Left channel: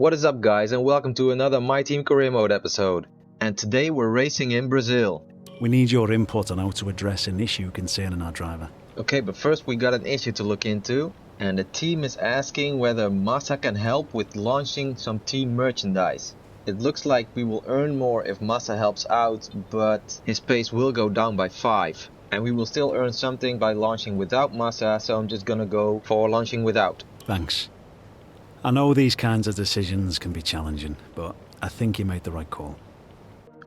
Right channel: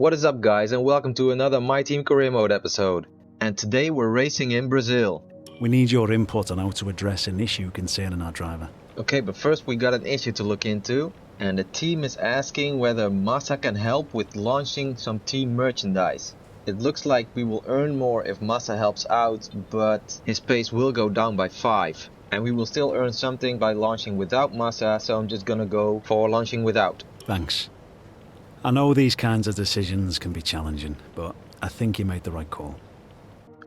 What is up guys, and welcome to another My Team Career Mode episode. And today we're racing in Brazil. We need your input on how to address an issue concerning our driver. Okay, but first we got an issue to look into. And the team is asking whether Massa can help with launching some team merchandise. It looks like we will earn more if Massa helps out, but his pace will go down by 5. And we will still earn something by launching without Massa, so I'm just gonna go for launching without. Thanks. I know these kinds of decisions can be challenging, but I think you made the right call.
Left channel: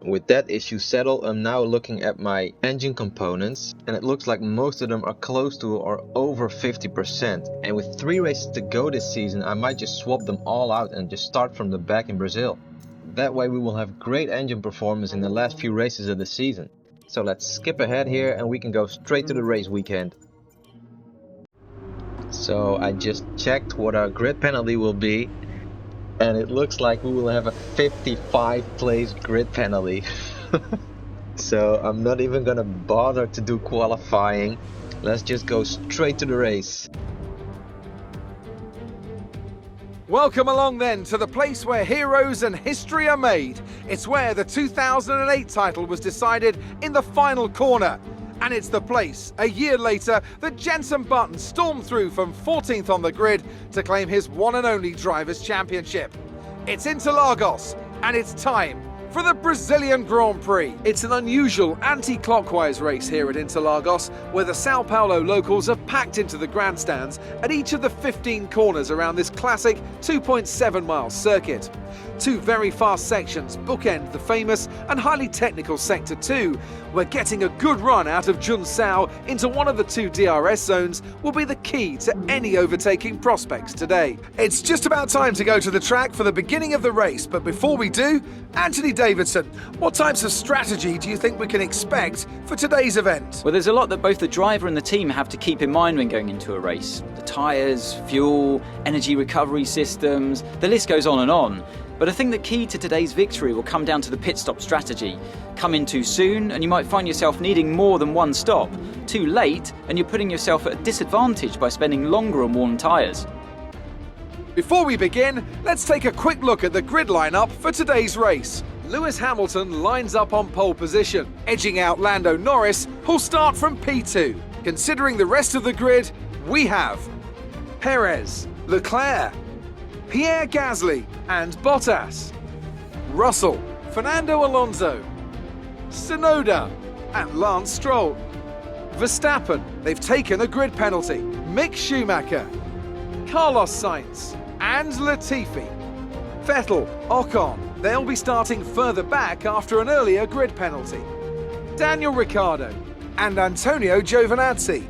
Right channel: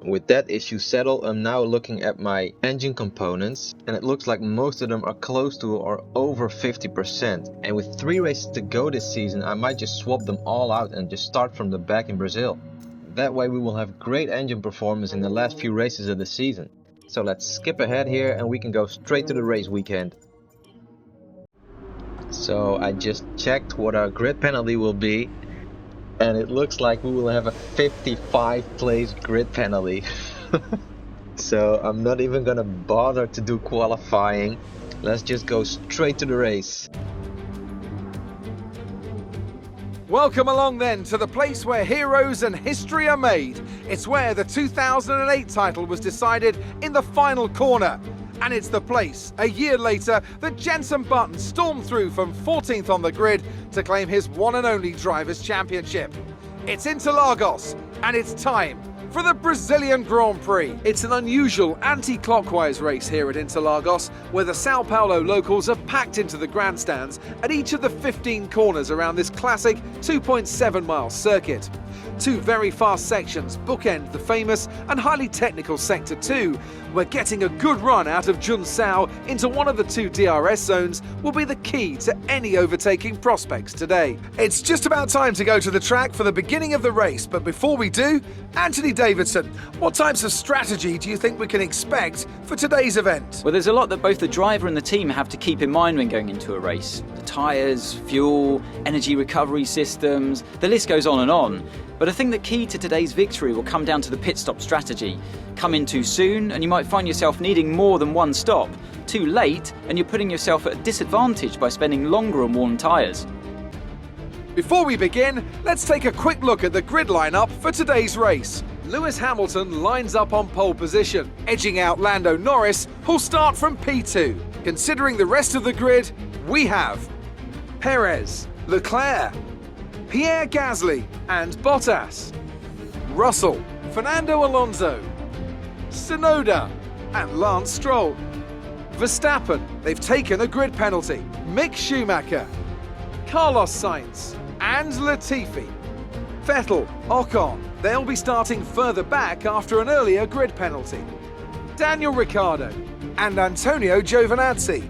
With that issue settled, I'm now looking at my engine components, and it looks like most of them are close to or over 50%. And with 3 races to go this season, I might just swap them all out and just start from the back in Brazil. That way we will have great engine performance in the last few races of the season. So let's skip ahead here and we can go straight to the race weekend. So I just checked what our grid penalty will be, and it looks like we will have a 55 place grid penalty. So I'm not even gonna bother to do qualifying. Let's just go straight to the race. Welcome along then to the place where heroes and history are made. It's where the 2008 title was decided in the final corner. And it's the place, a year later, that Jenson Button stormed through from 14th on the grid to claim his one and only Drivers' Championship. It's Interlagos, and it's time for the Brazilian Grand Prix. It's an unusual anti-clockwise race here at Interlagos, where the São Paulo locals are packed into the grandstands at each of the 15 corners around this classic 2.7-mile circuit. 2 very fast sections bookend the famous and highly technical Sector 2, where getting a good run out of Junção into one of the 2 DRS zones will be the key to any overtaking prospects today. It's just about time to go to the track for the beginning of the race, but before we do, Anthony Davidson, what types of strategy do you think we can expect for today's event? Well, there's a lot that both the driver and the team have to keep in mind when going into a race. The tyres, fuel, energy recovery systems, the list goes on and on. But I think the key to today's victory will come down to the pit stop strategy. Come in too soon and you might find yourself needing more than one stop. Too late and you're putting yourself at a disadvantage by spending longer on worn tyres. Before we begin, let's take a quick look at the grid lineup for today's race. Lewis Hamilton lines up on pole position, edging out Lando Norris, who'll start from P2. Considering the rest of the grid, we have Perez, Leclerc, Pierre Gasly and Bottas, Russell, Fernando Alonso, Tsunoda and Lance Stroll, Verstappen, they've taken a grid penalty, Mick Schumacher, Carlos Sainz and Latifi, Vettel, Ocon, they'll be starting further back after an earlier grid penalty, Daniel Ricciardo and Antonio Giovinazzi,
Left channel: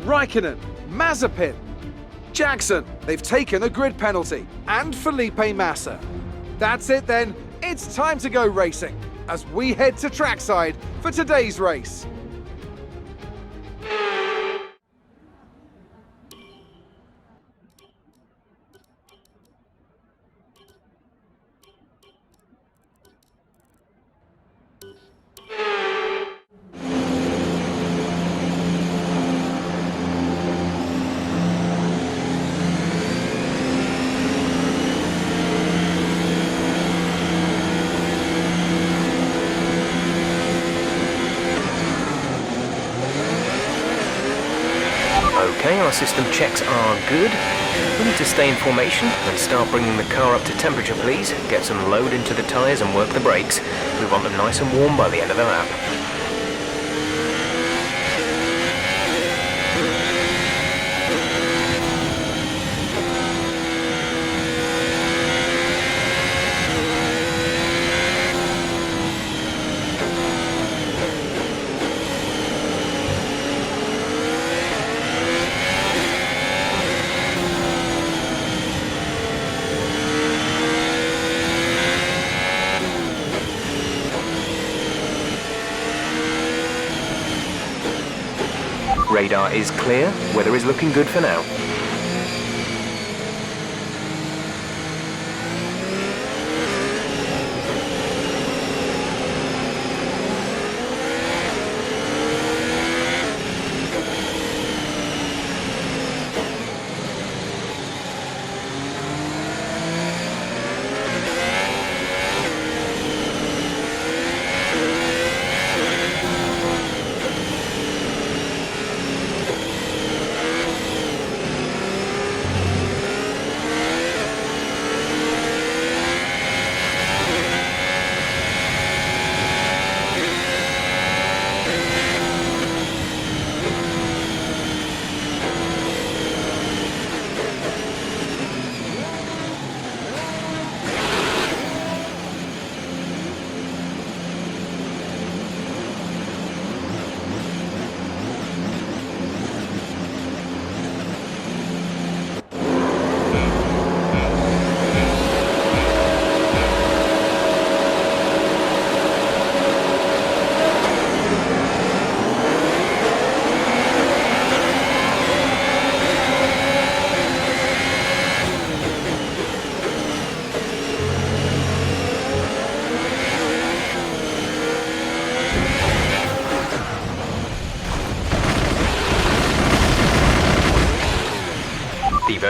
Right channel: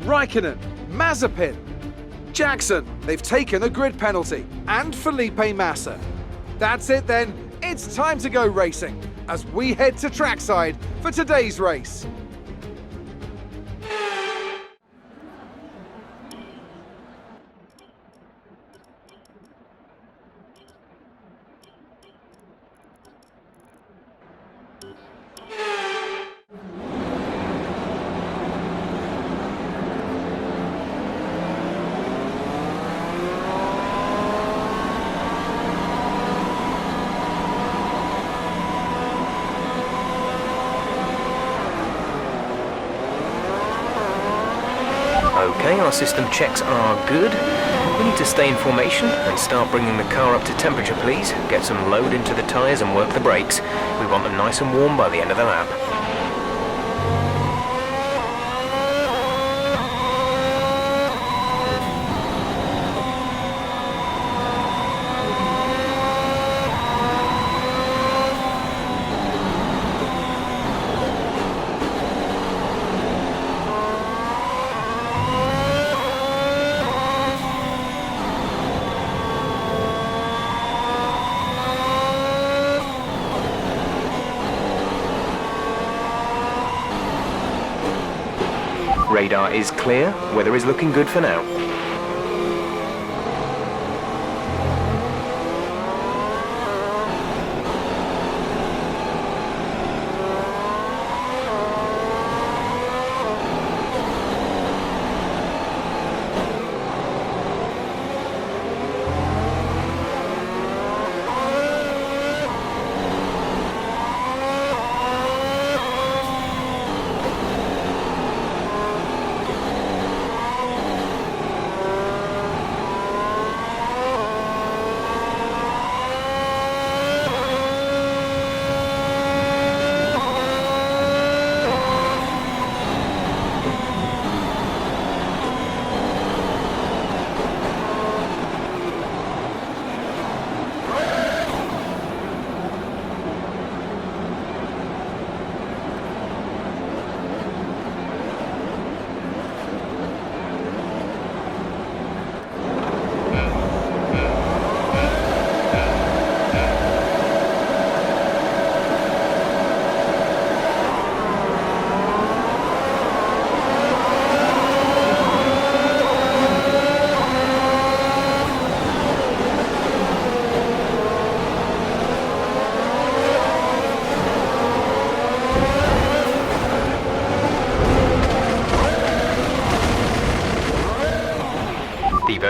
Raikkonen, Mazepin, Jackson, they've taken a grid penalty, and Felipe Massa. That's it then, it's time to go racing, as we head to trackside for today's race. Okay, our system checks are good. We need to stay in formation and start bringing the car up to temperature, please. Get some load into the tyres and work the brakes. We want them nice and warm by the end of the lap. Radar is clear, weather is looking good for now.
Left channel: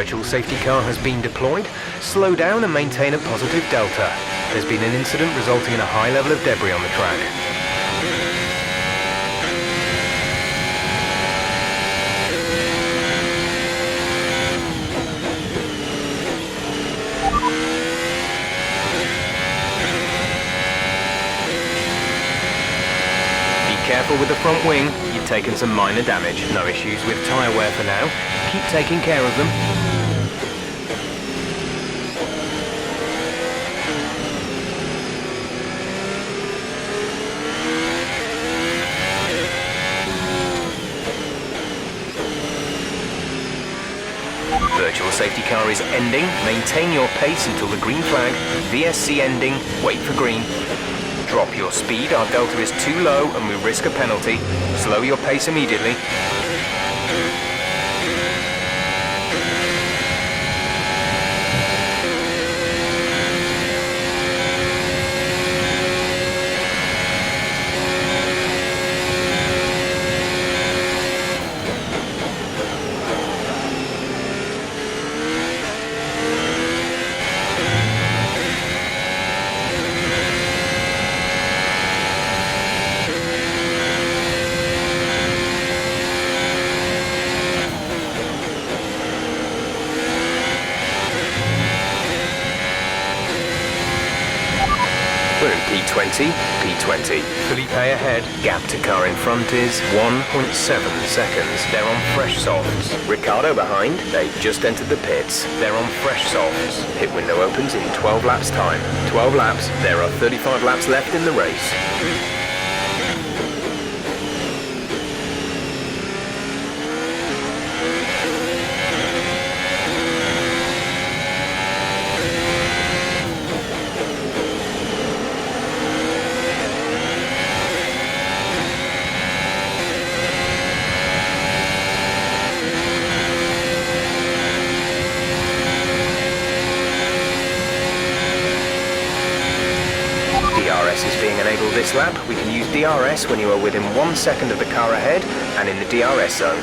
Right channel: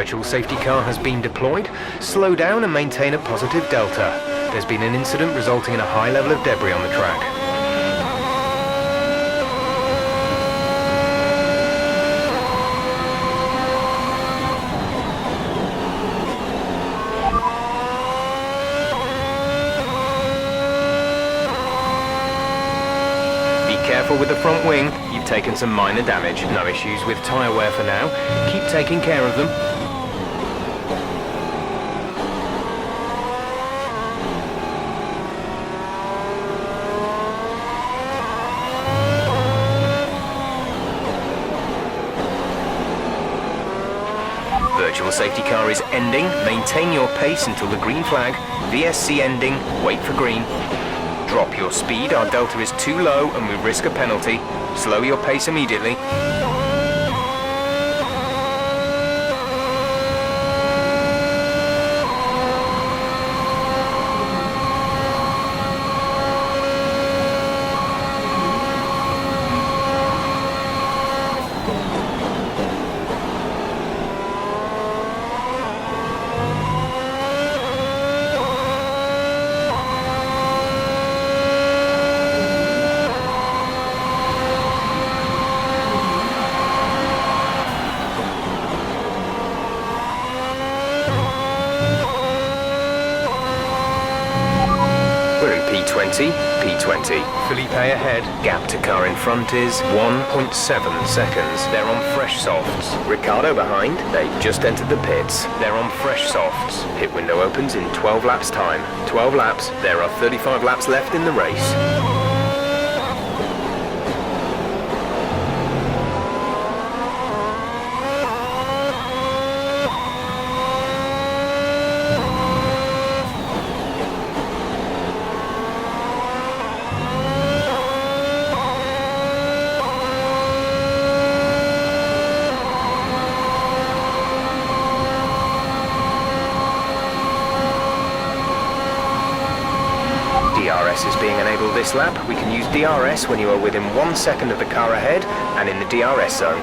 Virtual safety car has been deployed. Slow down and maintain a positive delta. There's been an incident resulting in a high level of debris on the track. Be careful with the front wing. You've taken some minor damage. No issues with tyre wear for now. Keep taking care of them. Virtual safety car is ending. Maintain your pace until the green flag. VSC ending. Wait for green. Drop your speed. Our delta is too low and we risk a penalty. Slow your pace immediately. We're in P20, P20. Felipe ahead. Gap to car in front is 1.7 seconds. They're on fresh softs. Ricardo behind. They've just entered the pits. They're on fresh softs. Pit window opens in 12 laps time. 12 laps. There are 35 laps left in the race. DRS is being enabled this lap. We can use DRS when you are within 1 second of the car ahead and in the DRS zone.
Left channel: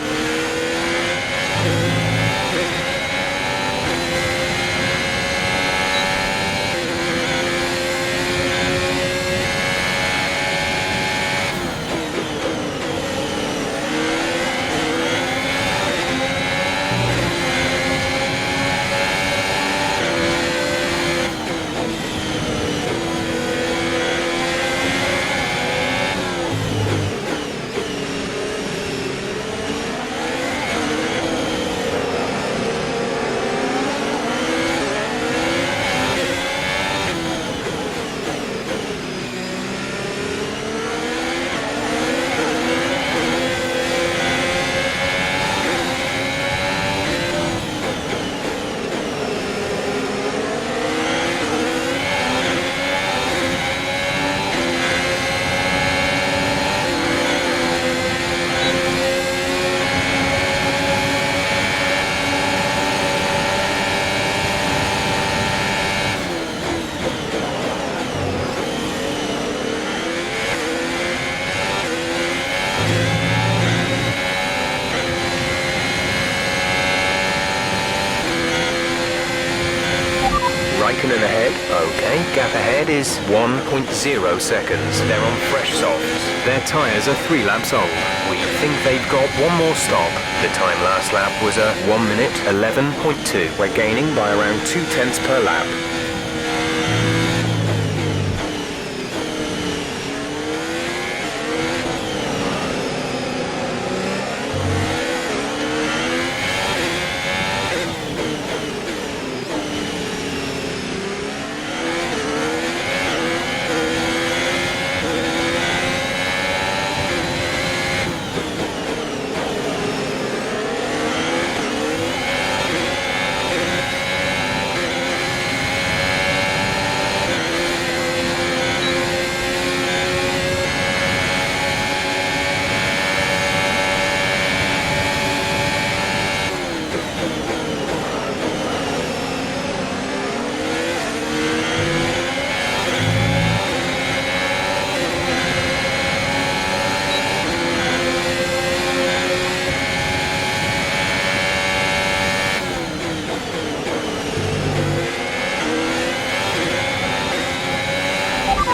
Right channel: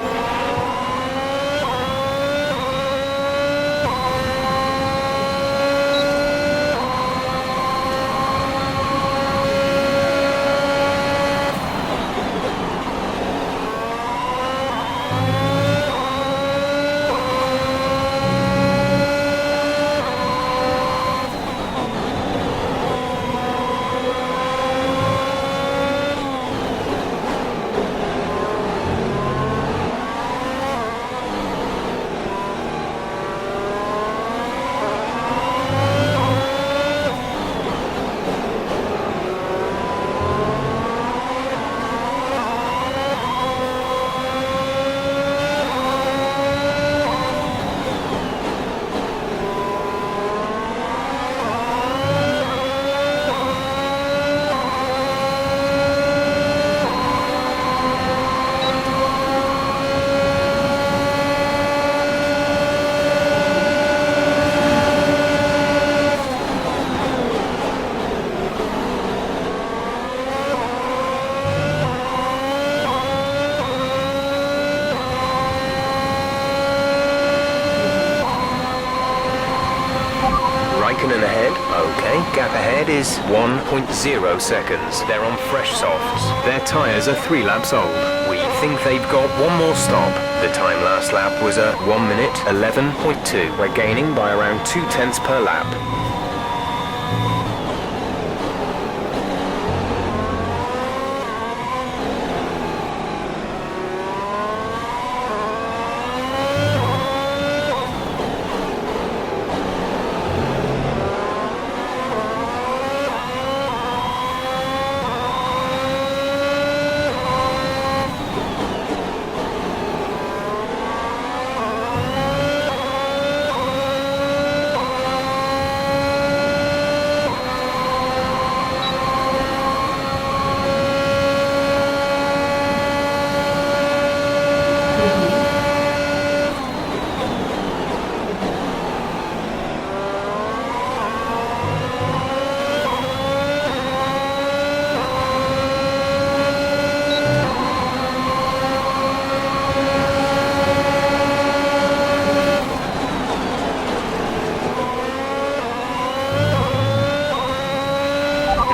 Raikkonen ahead. Okay, gap ahead is 1.0 seconds. They're on fresh softs. Their tyres are 3 laps old. We think they've got one more stop. The time last lap was a 1 minute 11.2. We're gaining by around 0.2 per lap.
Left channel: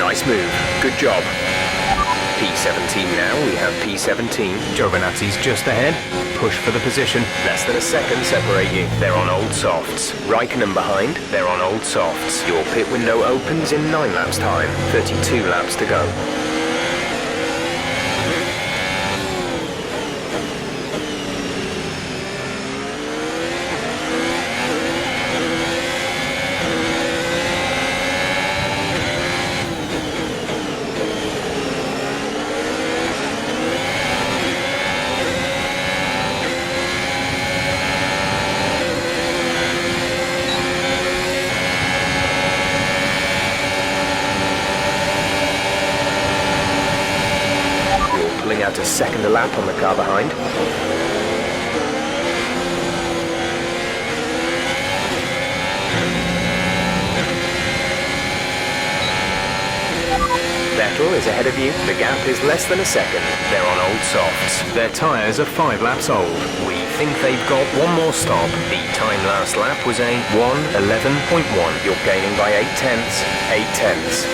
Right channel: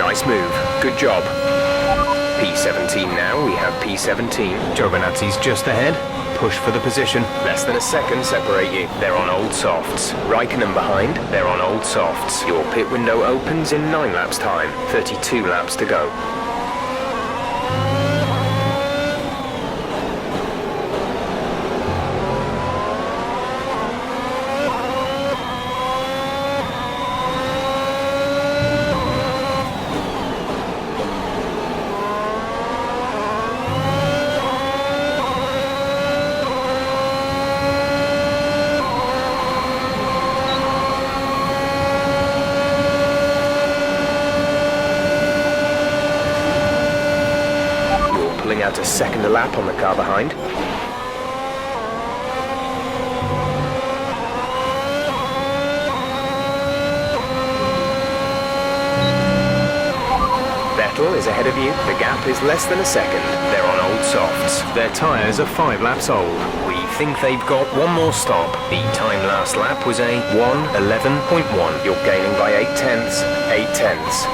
Nice move. Good job. P17 now, we have P17. Giovinazzi's just ahead. Push for the position. Less than a second separate you. They're on old softs. Raikkonen behind. They're on old softs. Your pit window opens in 9 laps time. 32 laps to go. Pulling out a second a lap on the car behind. Vettel is ahead of you. The gap is less than a second. They're on old softs. Their tyres are 5 laps old. We think they've got one more stop. The time last lap was a 1:11.1. You're gaining by 8 tenths. 8 tenths.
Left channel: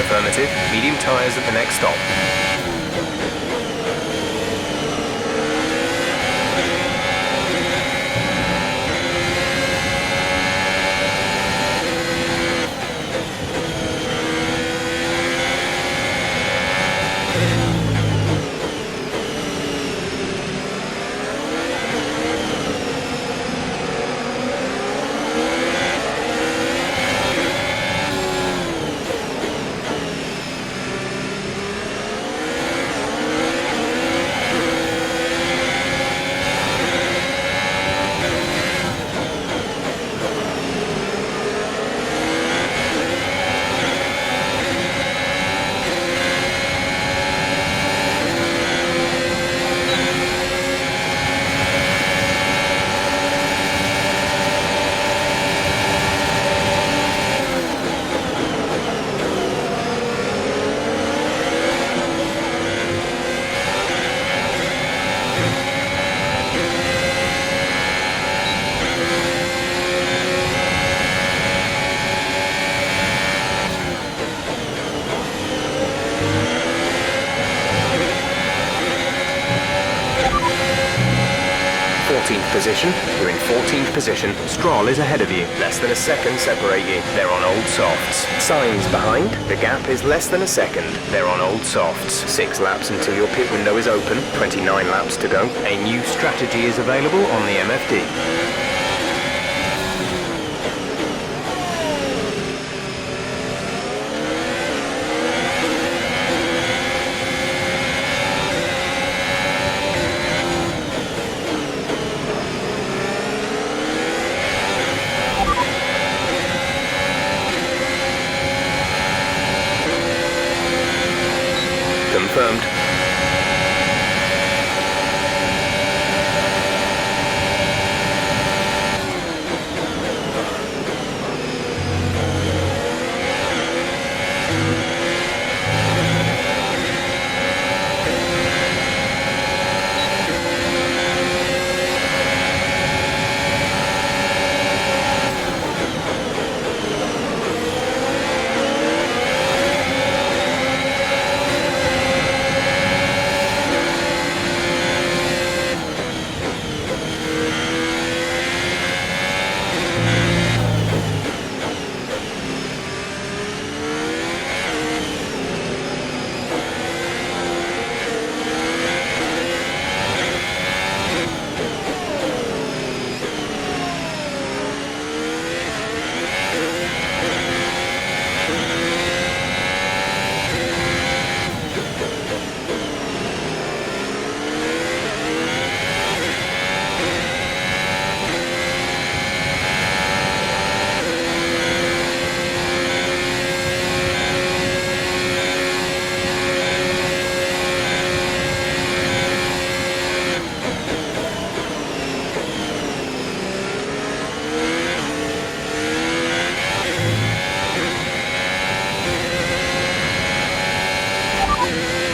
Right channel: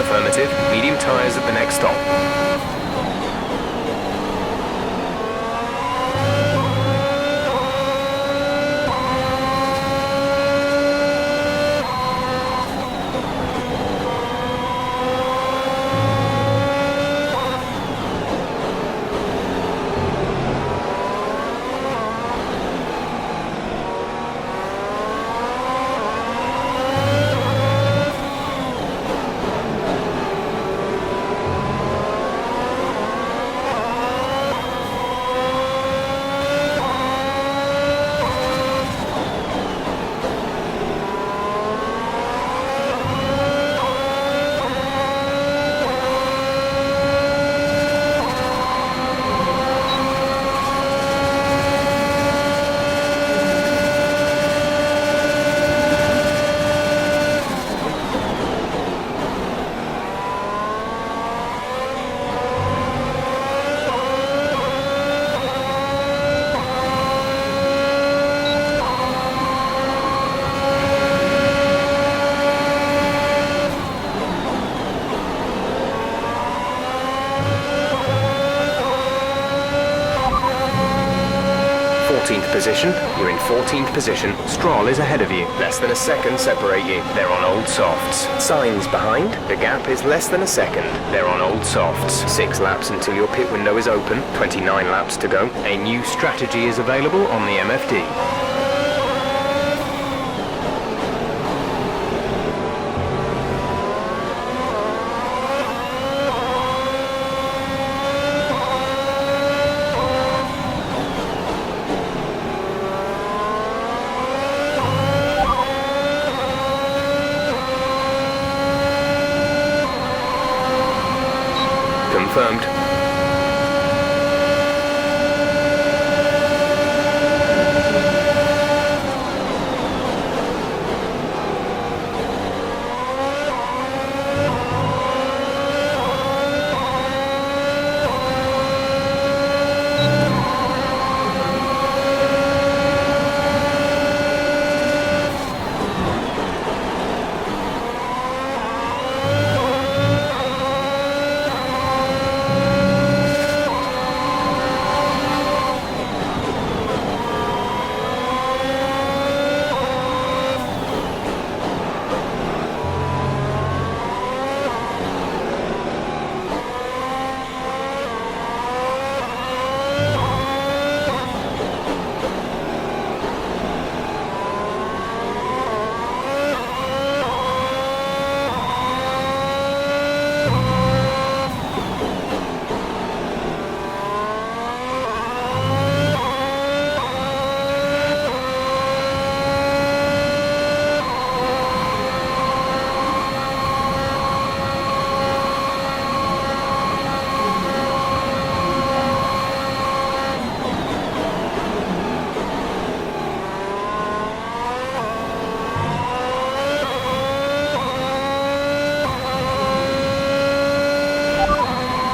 Affirmative. Medium tyres at the next stop. Position. You're in 14th position. Stroll is ahead of you. Less than a second separate you. They're on old softs. Sainz behind. The gap is less than a second. They're on old softs. 6 laps until your pit window is open. 29 laps to go. A new strategy is available on the MFD. Confirmed.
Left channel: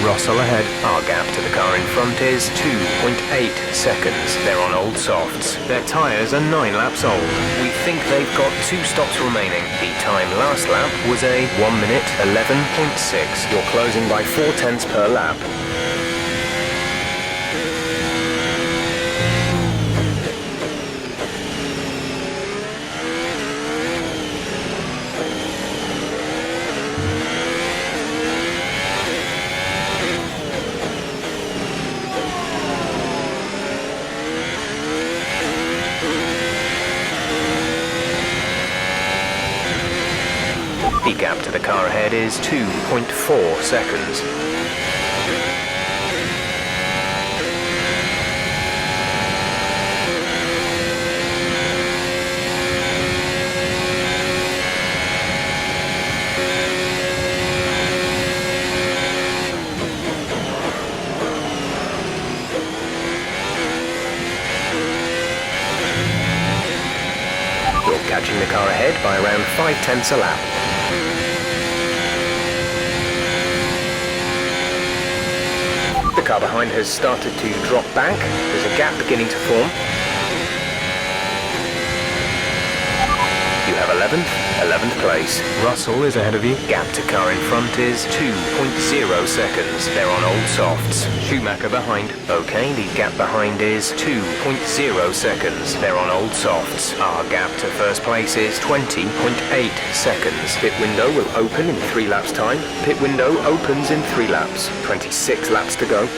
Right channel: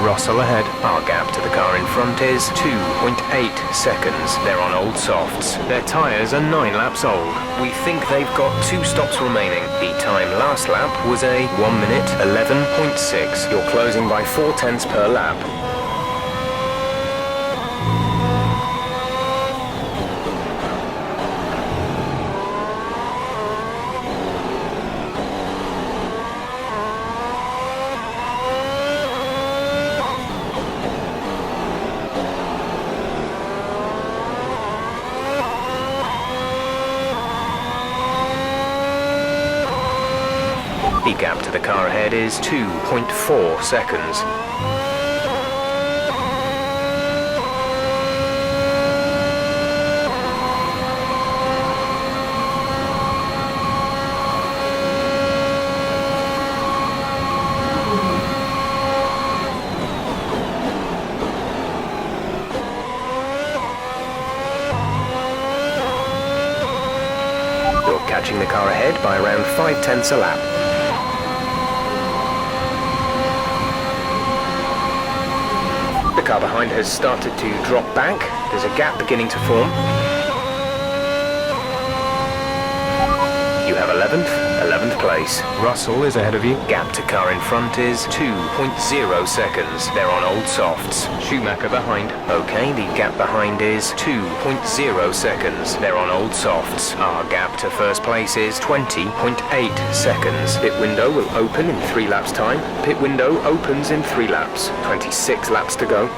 Russell ahead. Our gap to the car in front is 2.8 seconds. They're on old softs. Their tyres are 9 laps old. We think they've got 2 stops remaining. The time last lap was a 1 minute 11.6. You're closing by 0.4 per lap. The gap to the car ahead is 2.4 seconds. You're catching the car ahead by around 0.5 a lap. The car behind has started to drop back. There's a gap beginning to form. You have 11th place. Russell is ahead of you. Gap to car in front is 2.0 seconds. They're on old softs. Schumacher behind. Okay, the gap behind is 2.0 seconds. They're on old softs. Our gap to first place is 20.8 seconds. Pit window will open in 3 laps time. Pit window opens in 3 laps. 26 laps to go.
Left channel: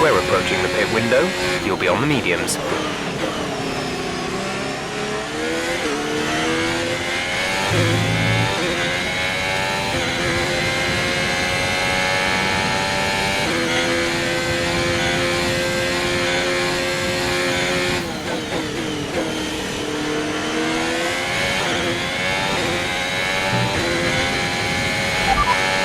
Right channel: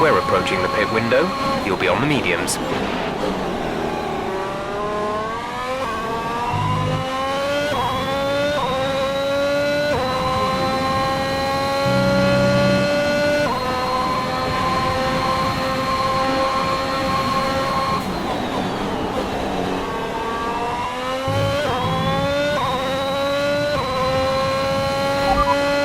We're approaching the pit window. You'll be on the mediums.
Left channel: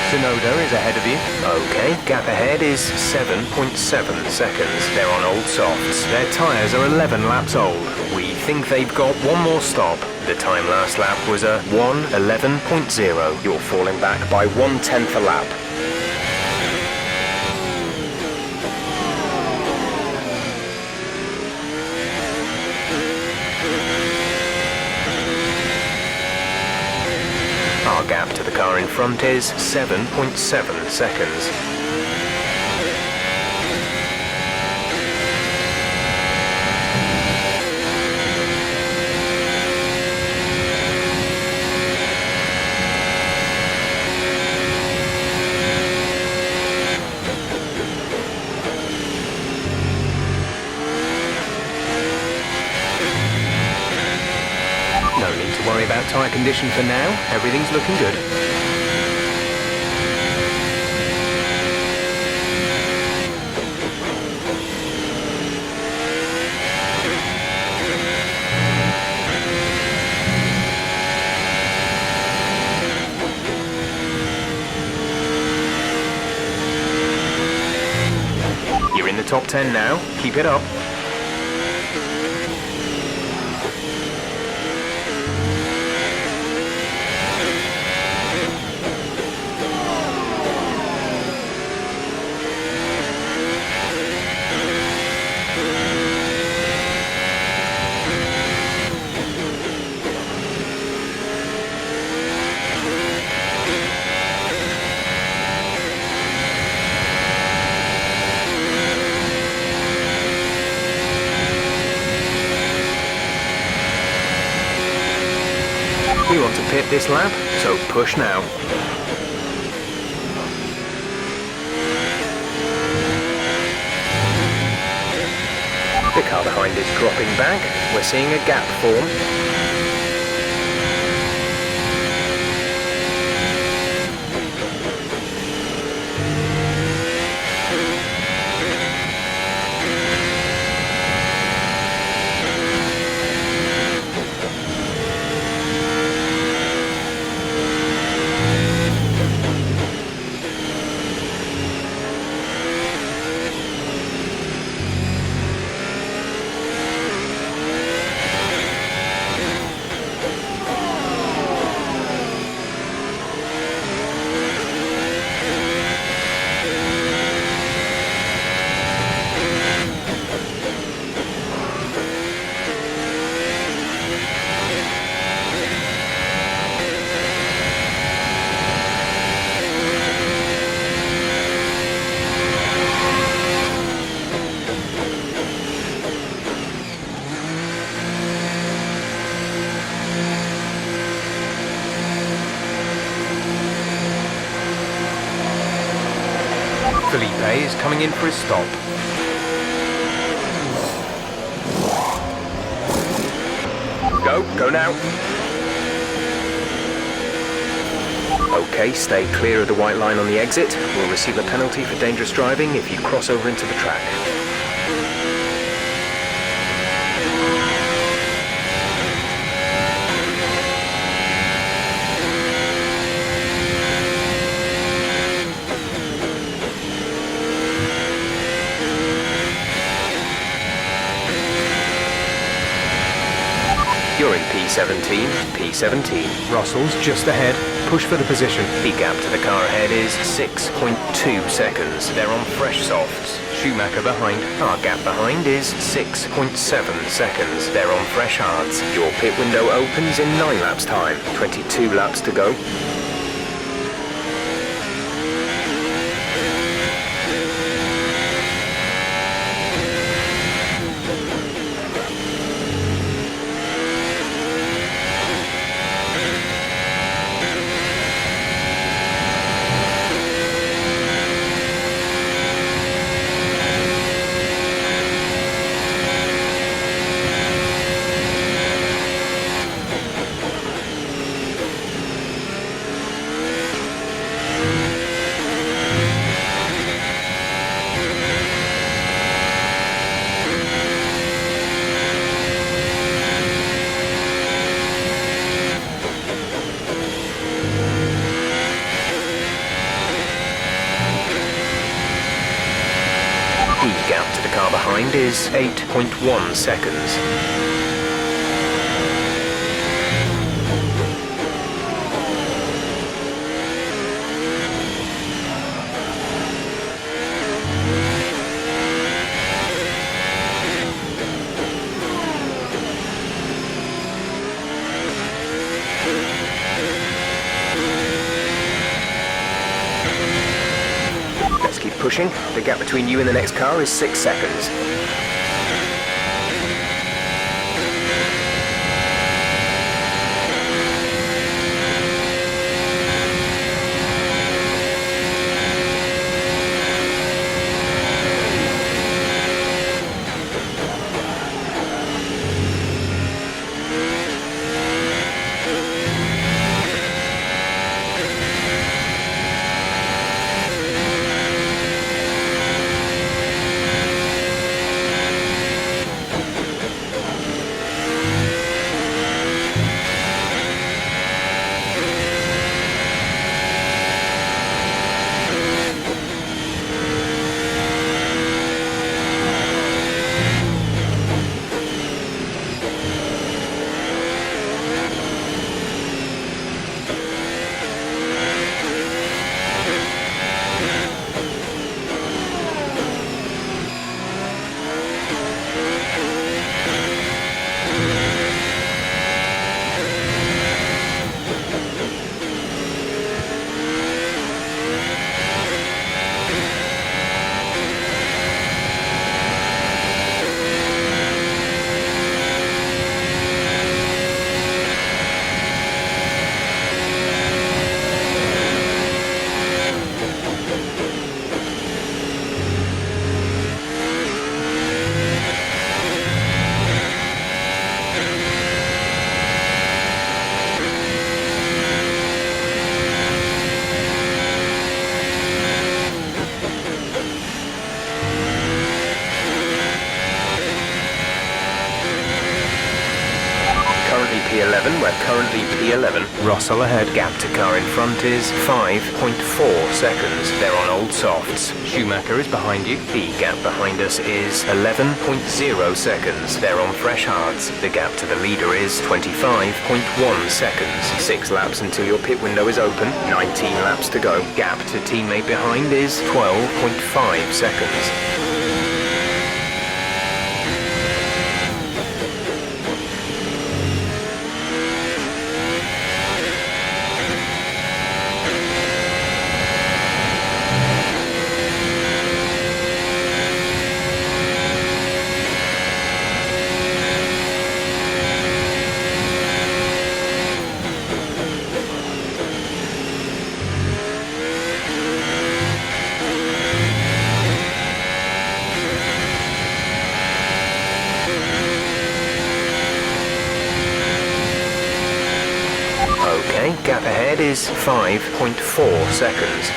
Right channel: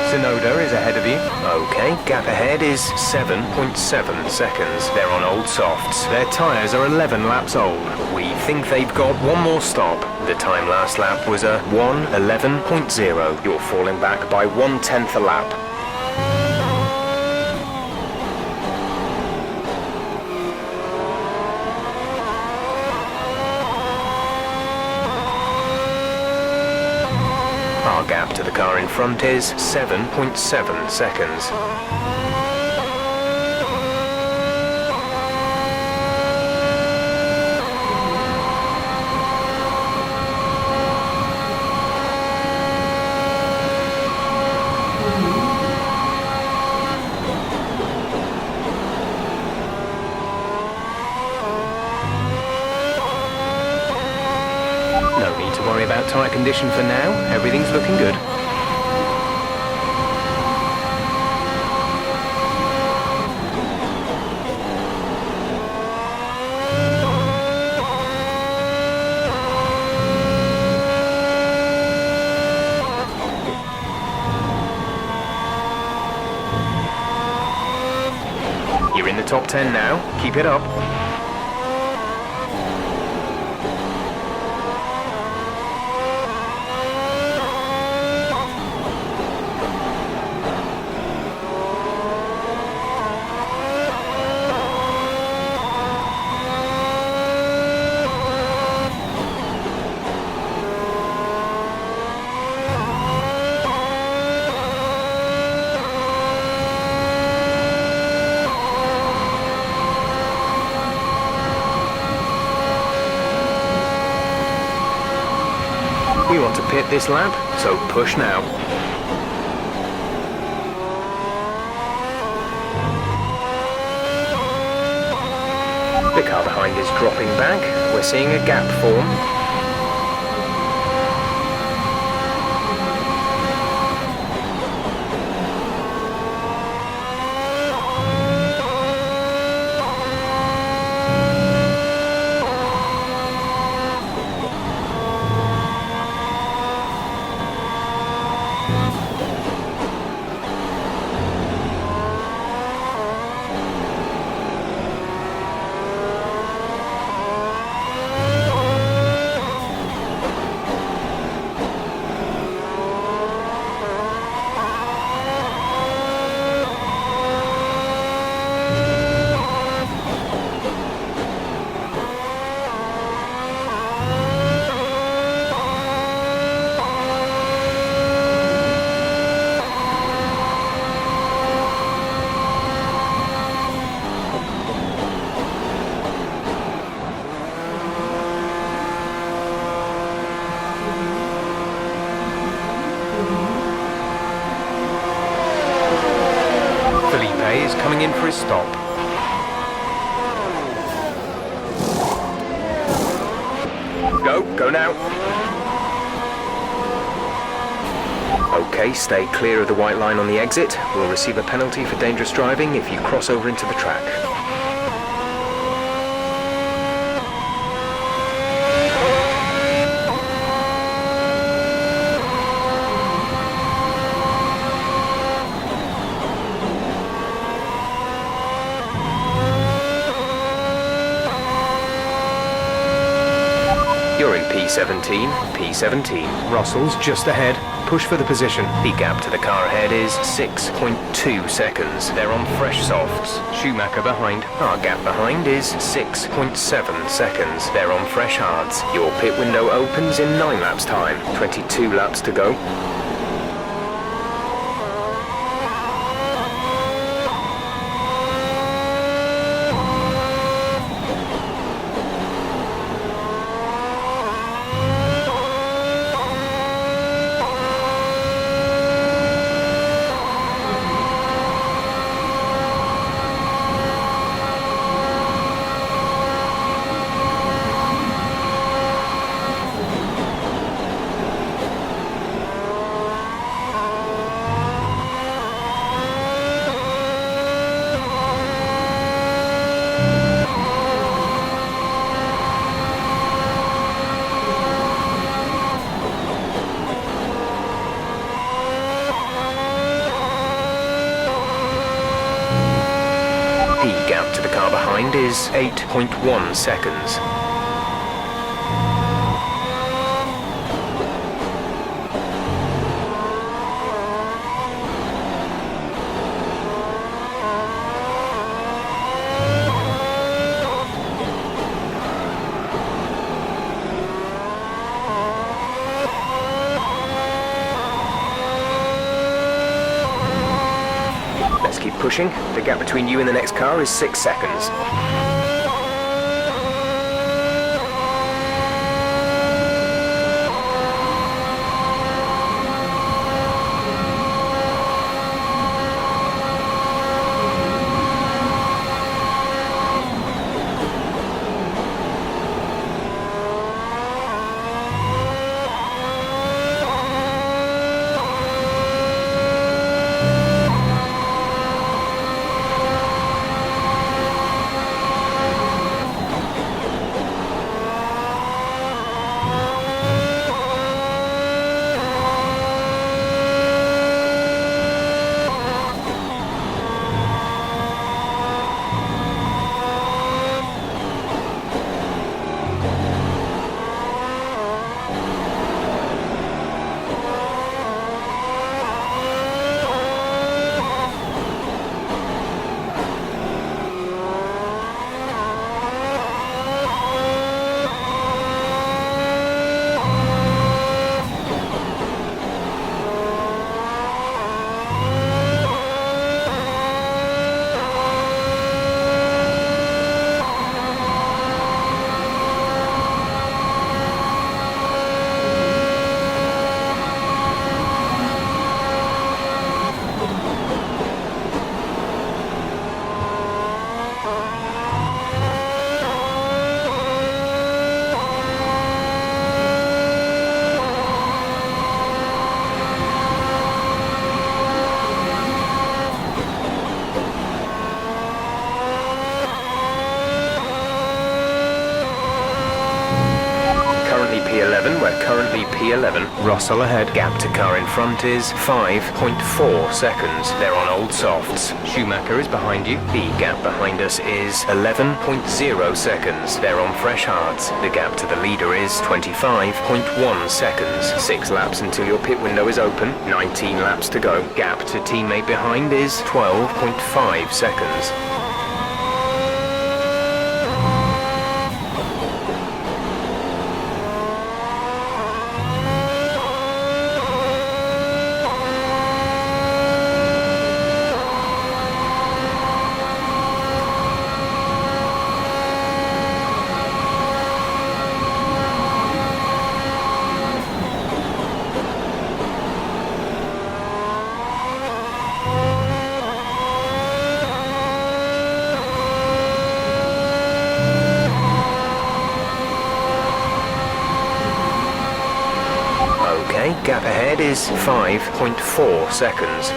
Sonoda is ahead of you. Okay, gap ahead is 7.7 seconds. They're on old softs. Their tyres are 11 laps old. We think they've got 1 more stop. The time last lap was a 1:11.0. You're falling back by 1/10 a lap. Our gap to the car in front is 7.7 seconds. No need to worry about tyre condition for now. Everything's looking good. You're in the top 10 now. Keep it up. We want to pit this lap, so push now. The car behind is dropping back. We're seeing a gap form. Felipe is coming in for his stop. Go now. Okay, stay clear of the white line on the exit. We'll receive a penalty for dangerous driving if you cross over into the track. You're in P17, P17. Russell's just ahead. Push for the position. The gap to the car ahead is 6.2 seconds. They're on fresh softs. Schumacher behind. Our gap behind is 6.7 seconds. They're on fresh hards. Your pit window opens in 9 laps time. 22 laps to go. The gap to the car behind is 8.1 seconds. Let's keep pushing. The gap between you and the next car is 6 seconds. Currently P11, we're currently P11. Russell ahead. Gap to car in front is 5.4 seconds. They're on old softs. Schumacher is behind you. The gap behind us is 11.0 seconds. They're on fresh hards. The gap to the leader is 25.1 seconds. 6 laps until your pit window is open. 19 laps to go. Gap to teammate behind is 12.5 seconds. Okay, gap ahead is 5.4 seconds.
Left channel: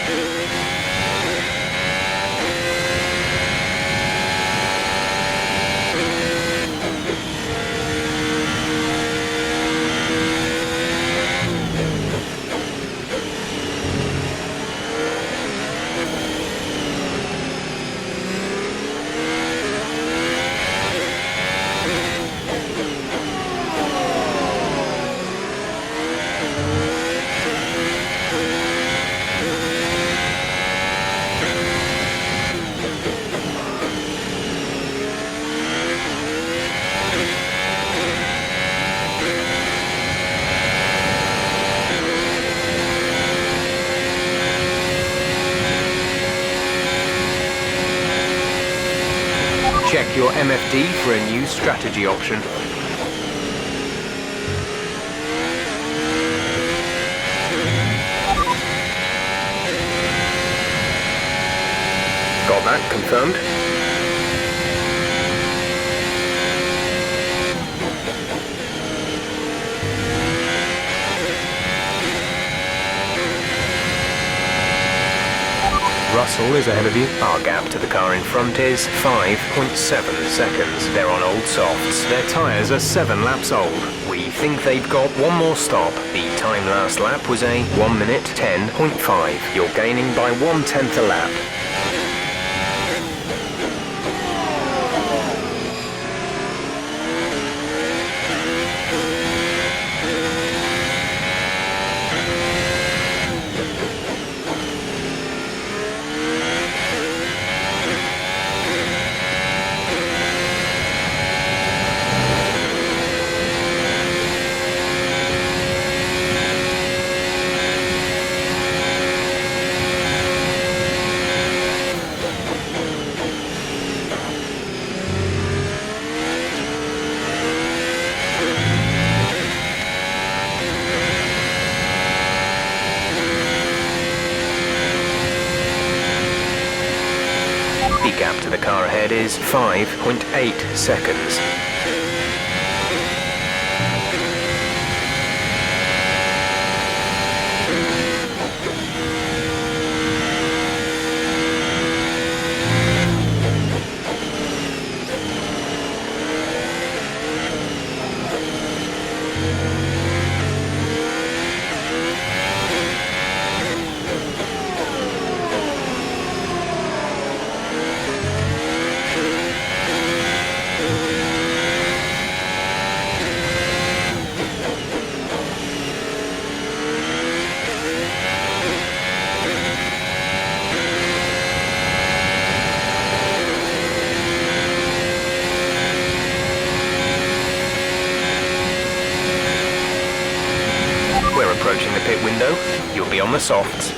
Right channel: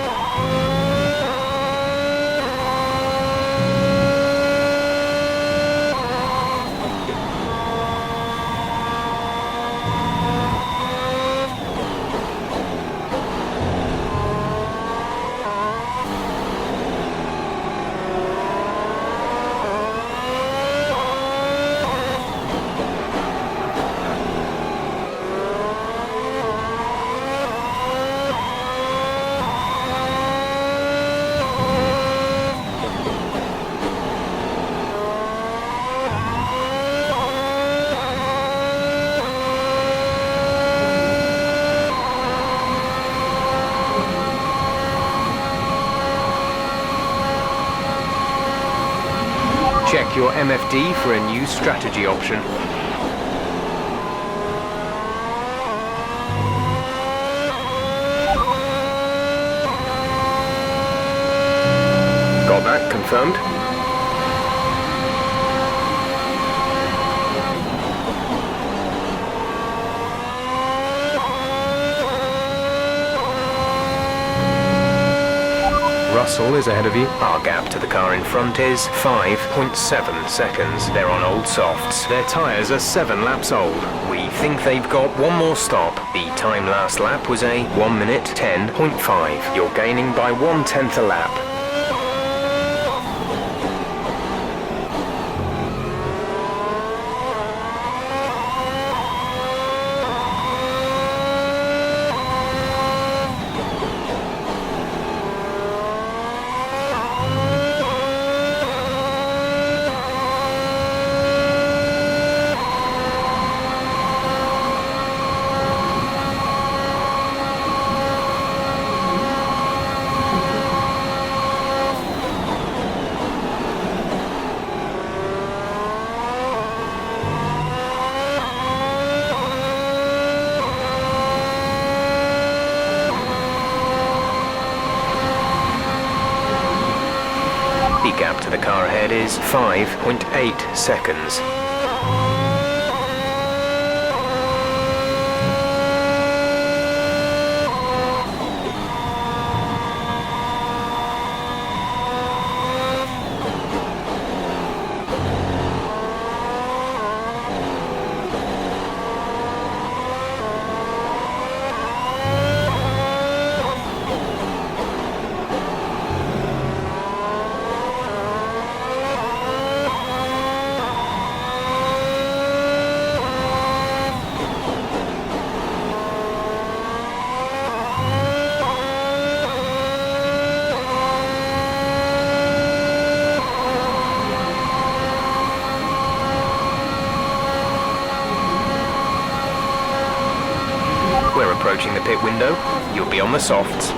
Check your MFD for a new strategy option. Got that confirmed? Russell is ahead of you. Our gap to the car in front is 5.7 seconds. They're on old softs. Their tyres are 7 laps old. We think they've got one more stop. The time last lap was a 1 minute 10.5. You're gaining by 1/10 a lap. The gap to the car ahead is 5.8 seconds. We're approaching the pit window. You'll be on the softs.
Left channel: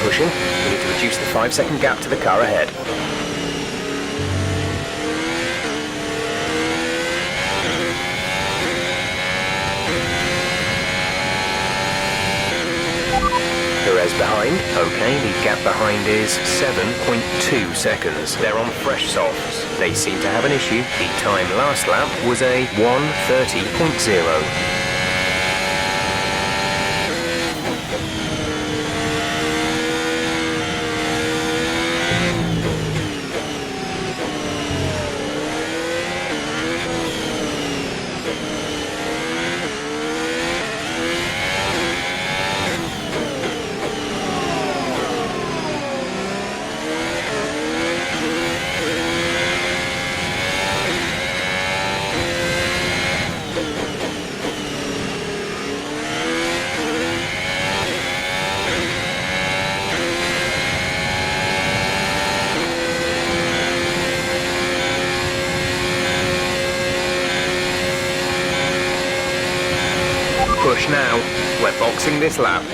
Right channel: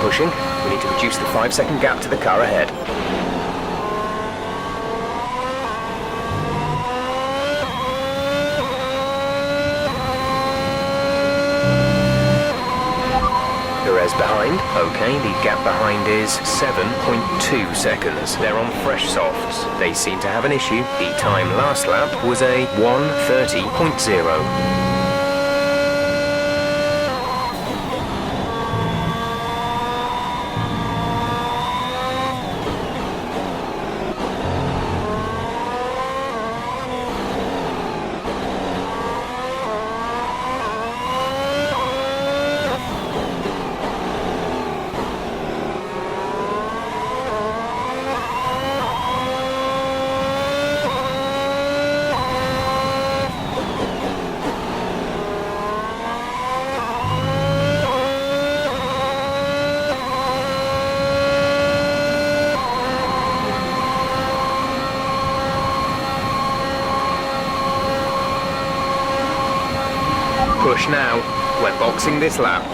Pushing. We need to reduce the 5-second gap to the car ahead. Perez behind. Okay, the gap behind is 7.2 seconds. They're on fresh softs. They seem to have an issue. The time last lap was a 1:30.0. push now. We're boxing this lap.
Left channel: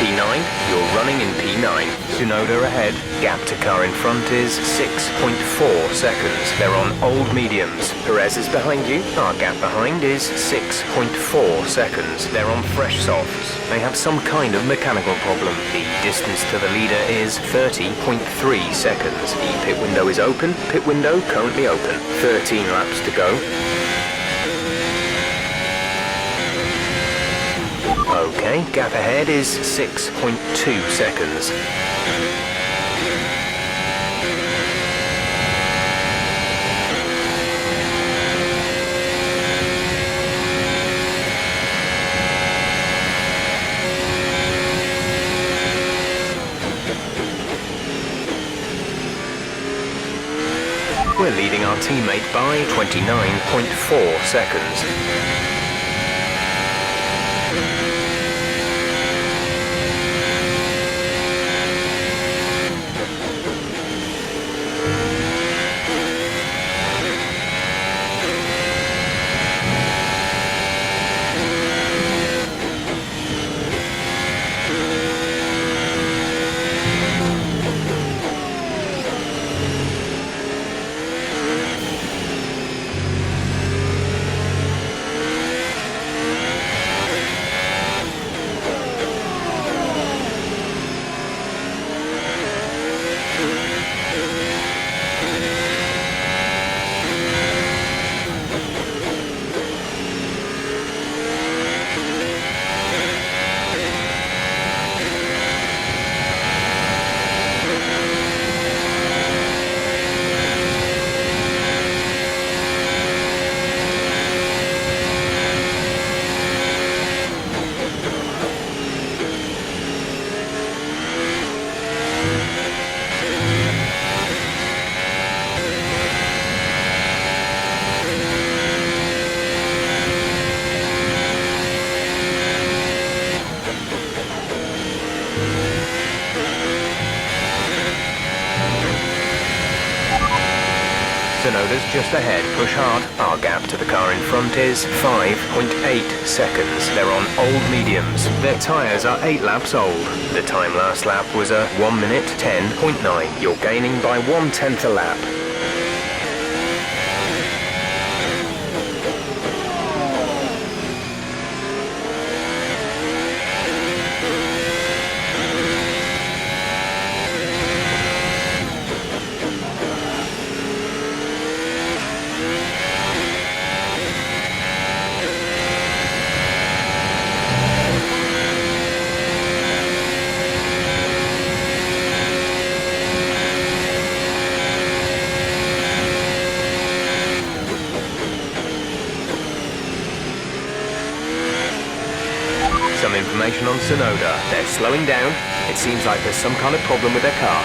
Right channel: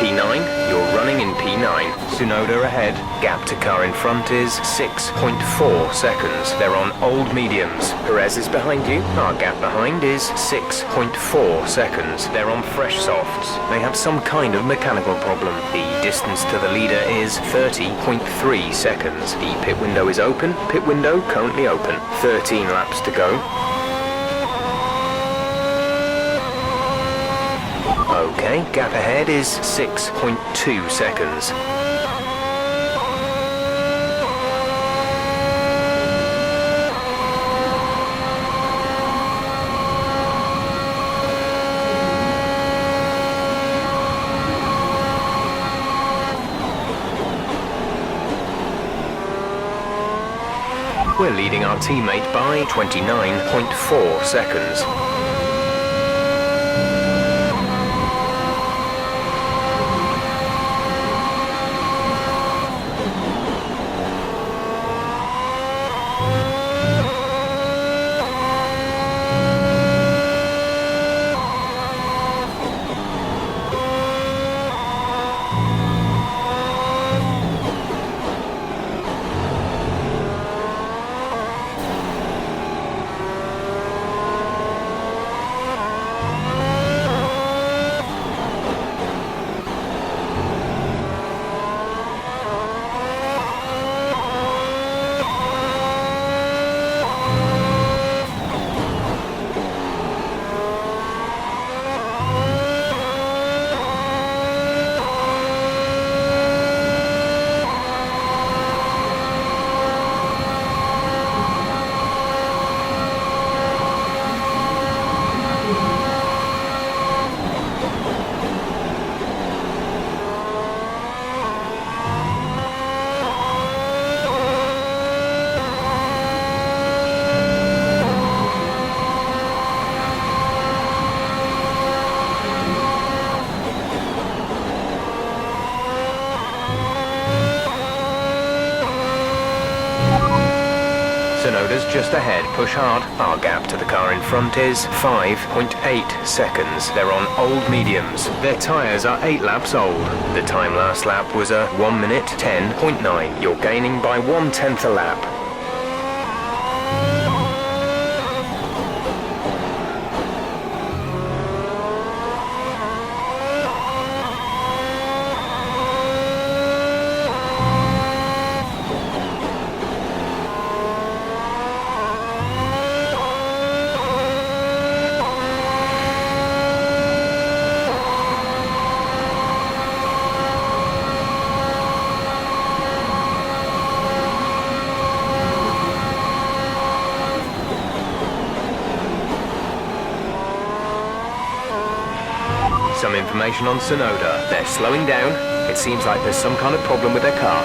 P9, you're running in P9. Tsunoda ahead. Gap to car in front is 6.4 seconds. They're on old mediums. Perez is behind you. Our gap behind is 6.4 seconds. They're on fresh softs. They have some kind of mechanical problem. The distance to the leader is 30.3 seconds. The pit window is open. Pit window currently open. 13 laps to go. Okay, gap ahead is 6.2 seconds. We're leading our teammate by 29.4 seconds. Tsunoda's just ahead, push hard. Our gap to the car in front is 5.8 seconds. They're on old mediums. Their tyres are 8 laps old. The time last lap was a 1 minute 10.9. You're gaining by 1/10 a lap. Some information on Tsunoda. They're slowing down. It seems like there's some kind of problem with their car.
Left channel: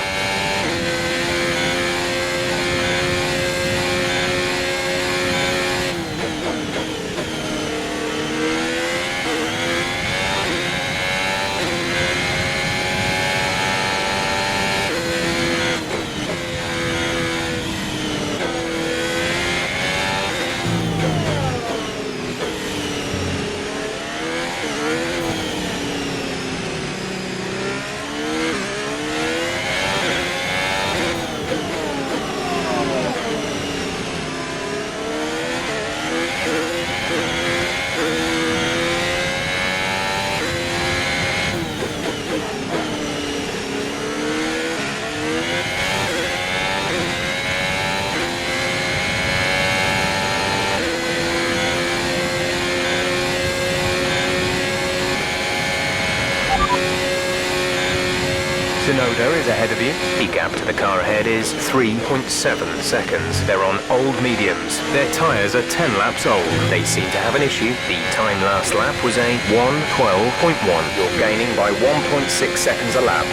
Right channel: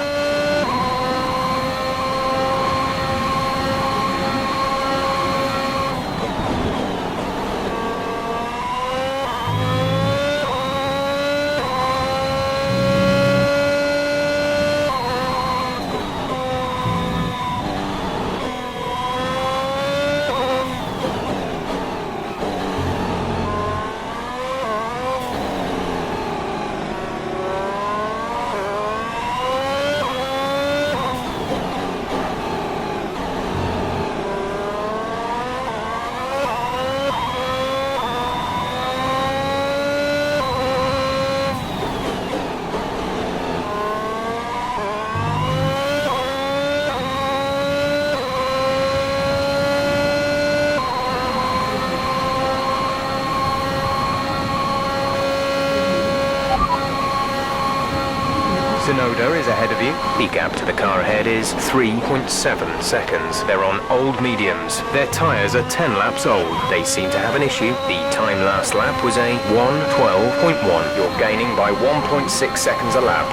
Tsunoda is ahead of you. The gap to the car ahead is 3.7 seconds. They're on old mediums. Their tyres are 10 laps old. They seem to have an issue. The time last lap was a 1:12.1. You're gaining by 1.6 seconds a lap.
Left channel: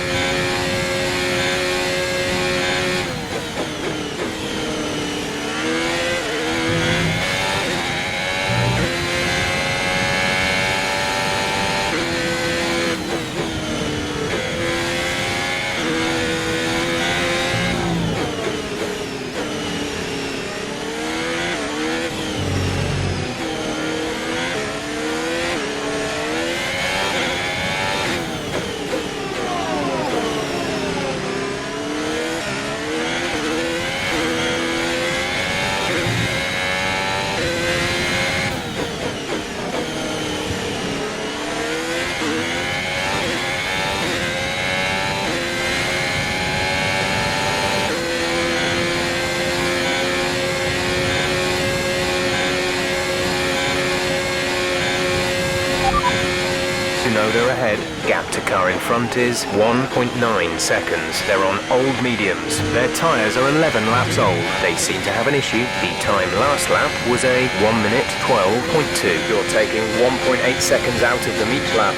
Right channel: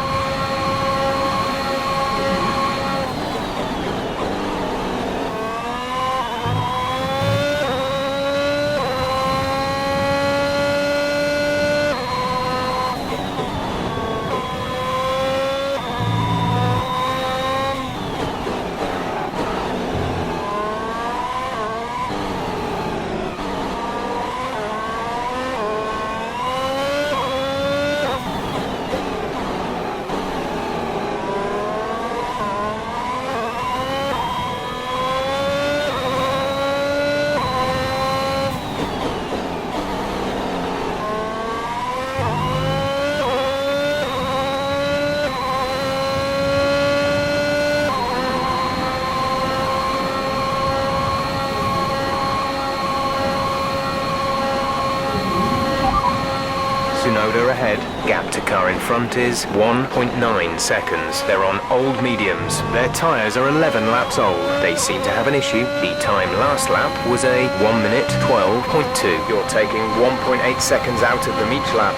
Tsunoda ahead. Gap to car in front is 1.9 seconds. They're on old mediums. Their tyres are 11 laps old. They seem to have an issue. The time last lap was a 1 minute 12.2. You're taking 1.8 seconds out of them each lap.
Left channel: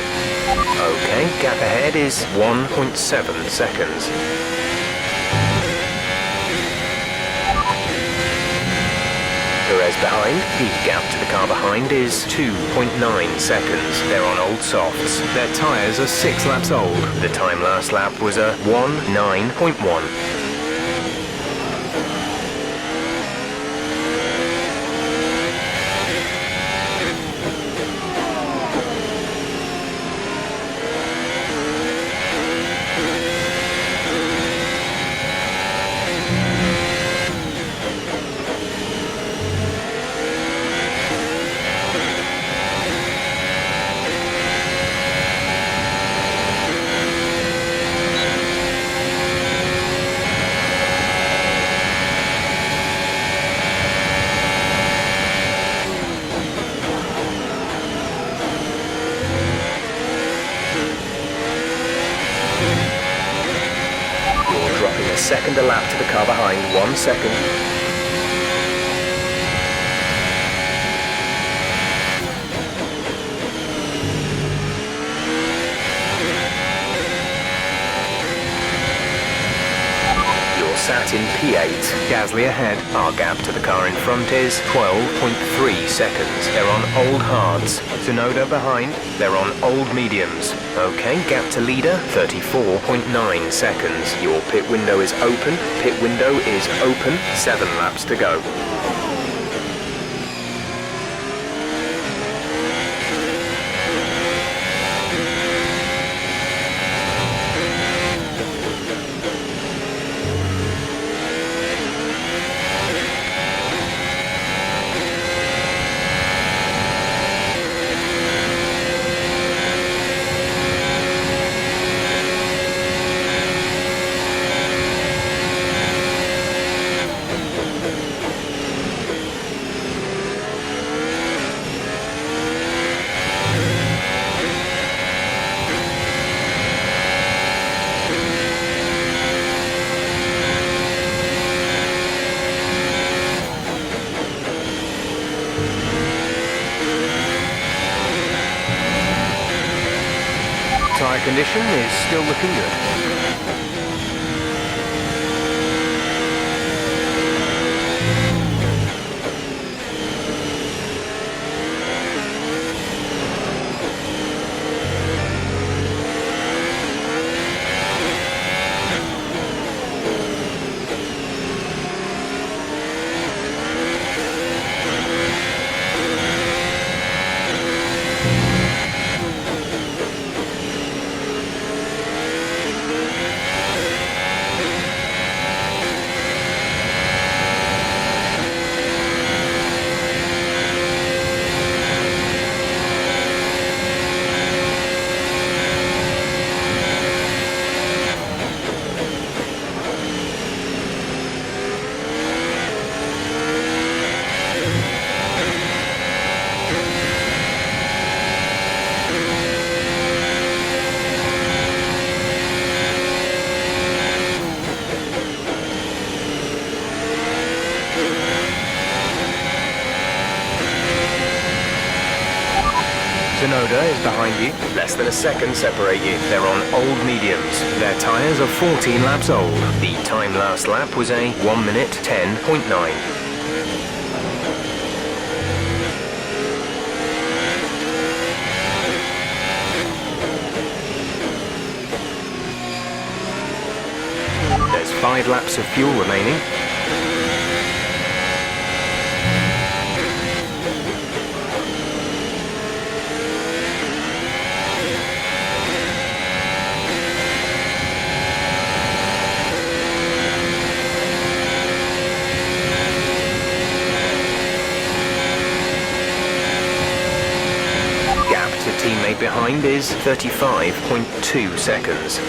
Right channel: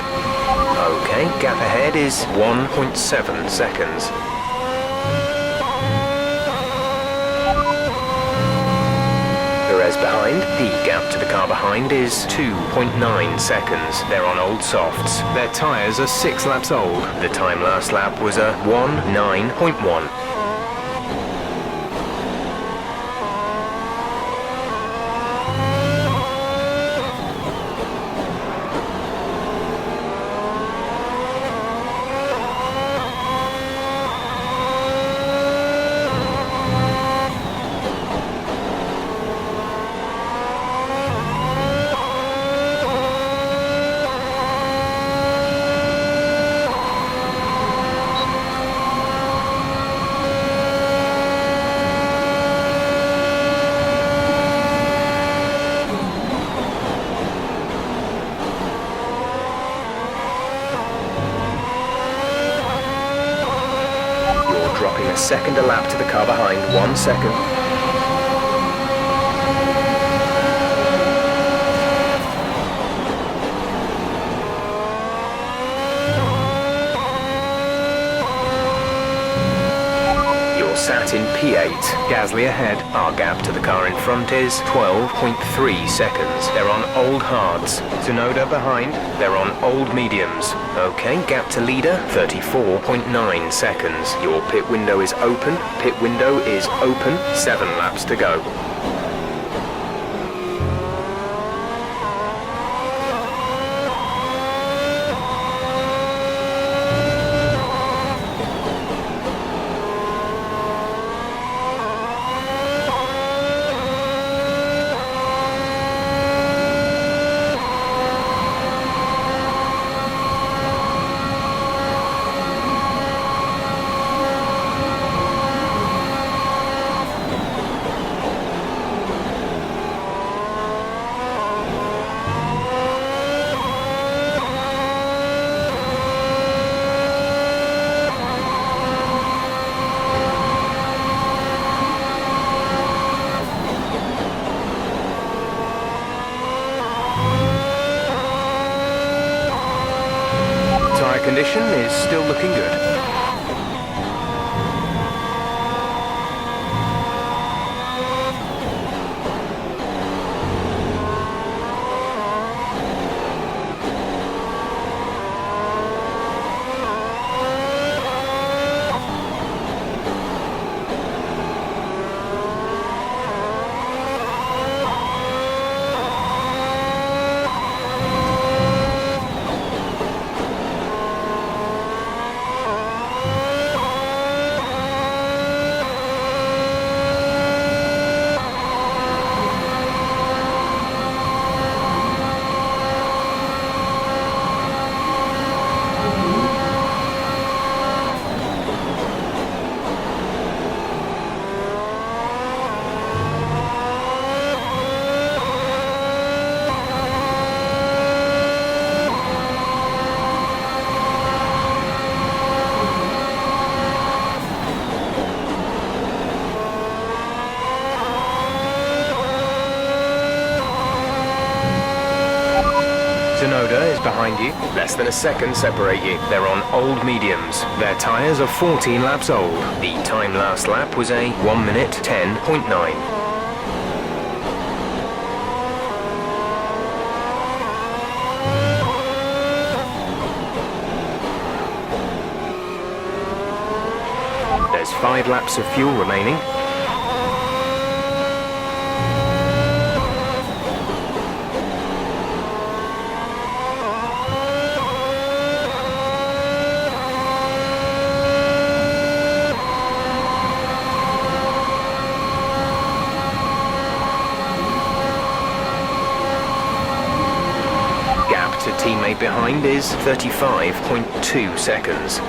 Okay, gap ahead is 1.7 seconds. Perez behind. The gap to the car behind is 2.9 seconds. They're on old softs. Their tyres are 6 laps old. The time last lap was a 1:9.1. Dropping a second a lap to the car behind, 1 second. You're sat in P8. Gasly ahead. Our gap to the car in front is 12.3 seconds. They're on old hards. Tsunoda behind. They're on old mediums. Okay, gap to leader, 34.9 seconds. Your pit window is open. Pit window is open. 7 laps to go. Tyre condition is still looking good. Tsunoda is behind you. Less than a second separate you. They're on old mediums. Their tyres are 14 laps old. The time last lap was a 1 minute 10.9. There's 5 laps of fuel remaining. Gap to teammate behind is 35.2 seconds.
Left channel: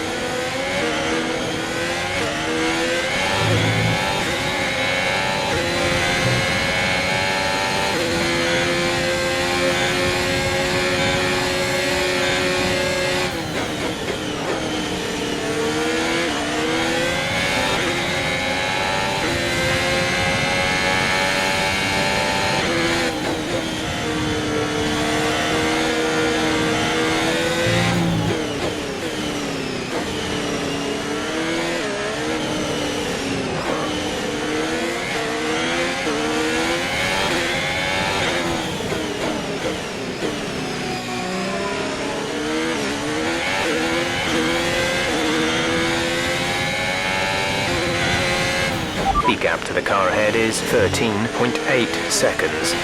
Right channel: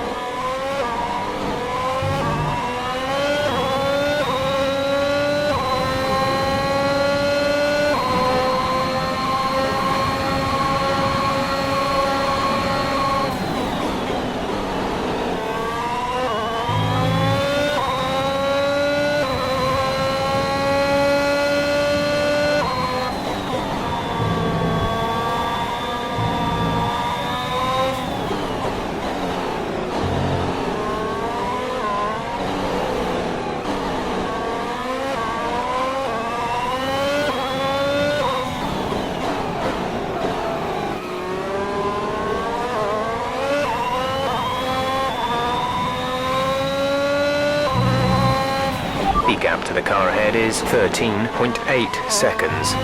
The gap to the car ahead is 13.8 seconds.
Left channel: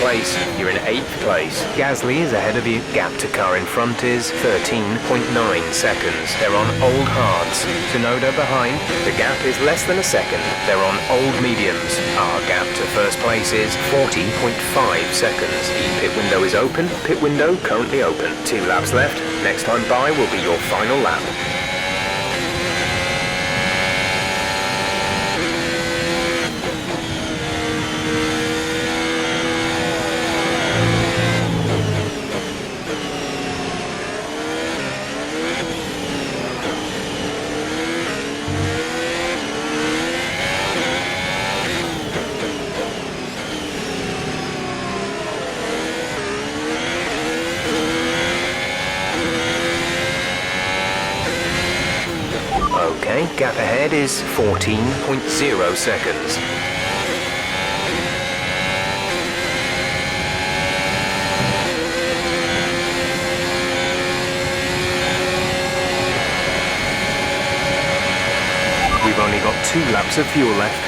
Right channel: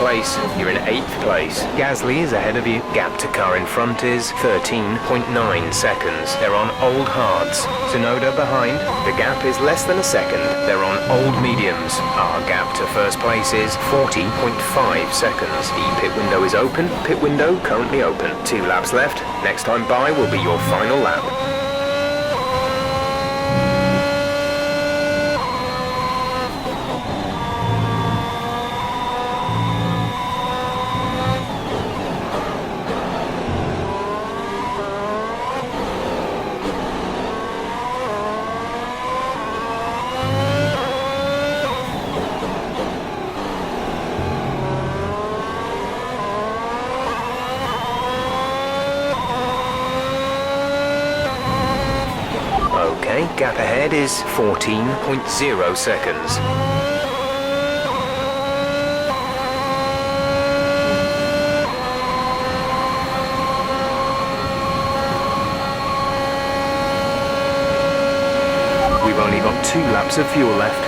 Place. You're in 8th place. Gasly is ahead of you. Gap to car in front is 13.9 seconds. They're on old hards. Tsunoda behind. The gap is less than a second. They're on old mediums. Our gap to first place is 40.5 seconds. The pit window is open. Pit window currently open. 2 laps left. Next time by will be your final lap. Okay, gap ahead is 14.0 seconds. We've only got 2 laps of fuel left.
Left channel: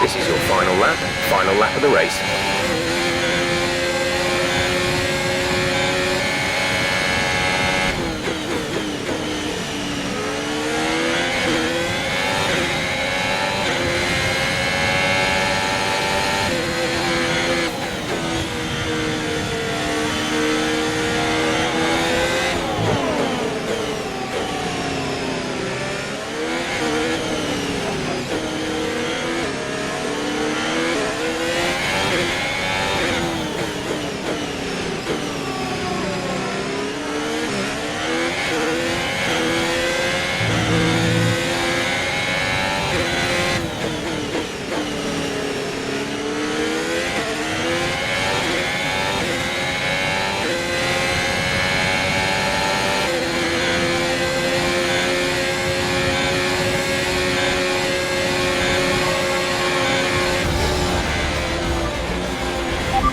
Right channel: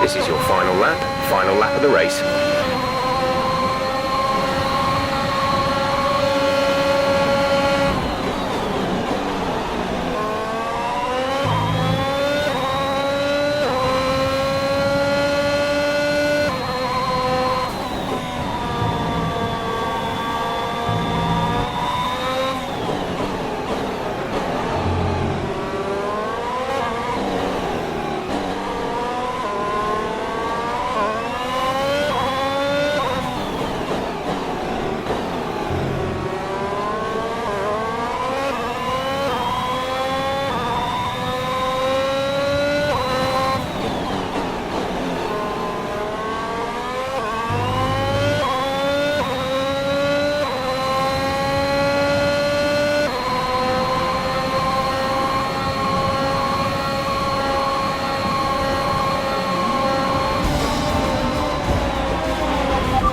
This is your final lap of the race.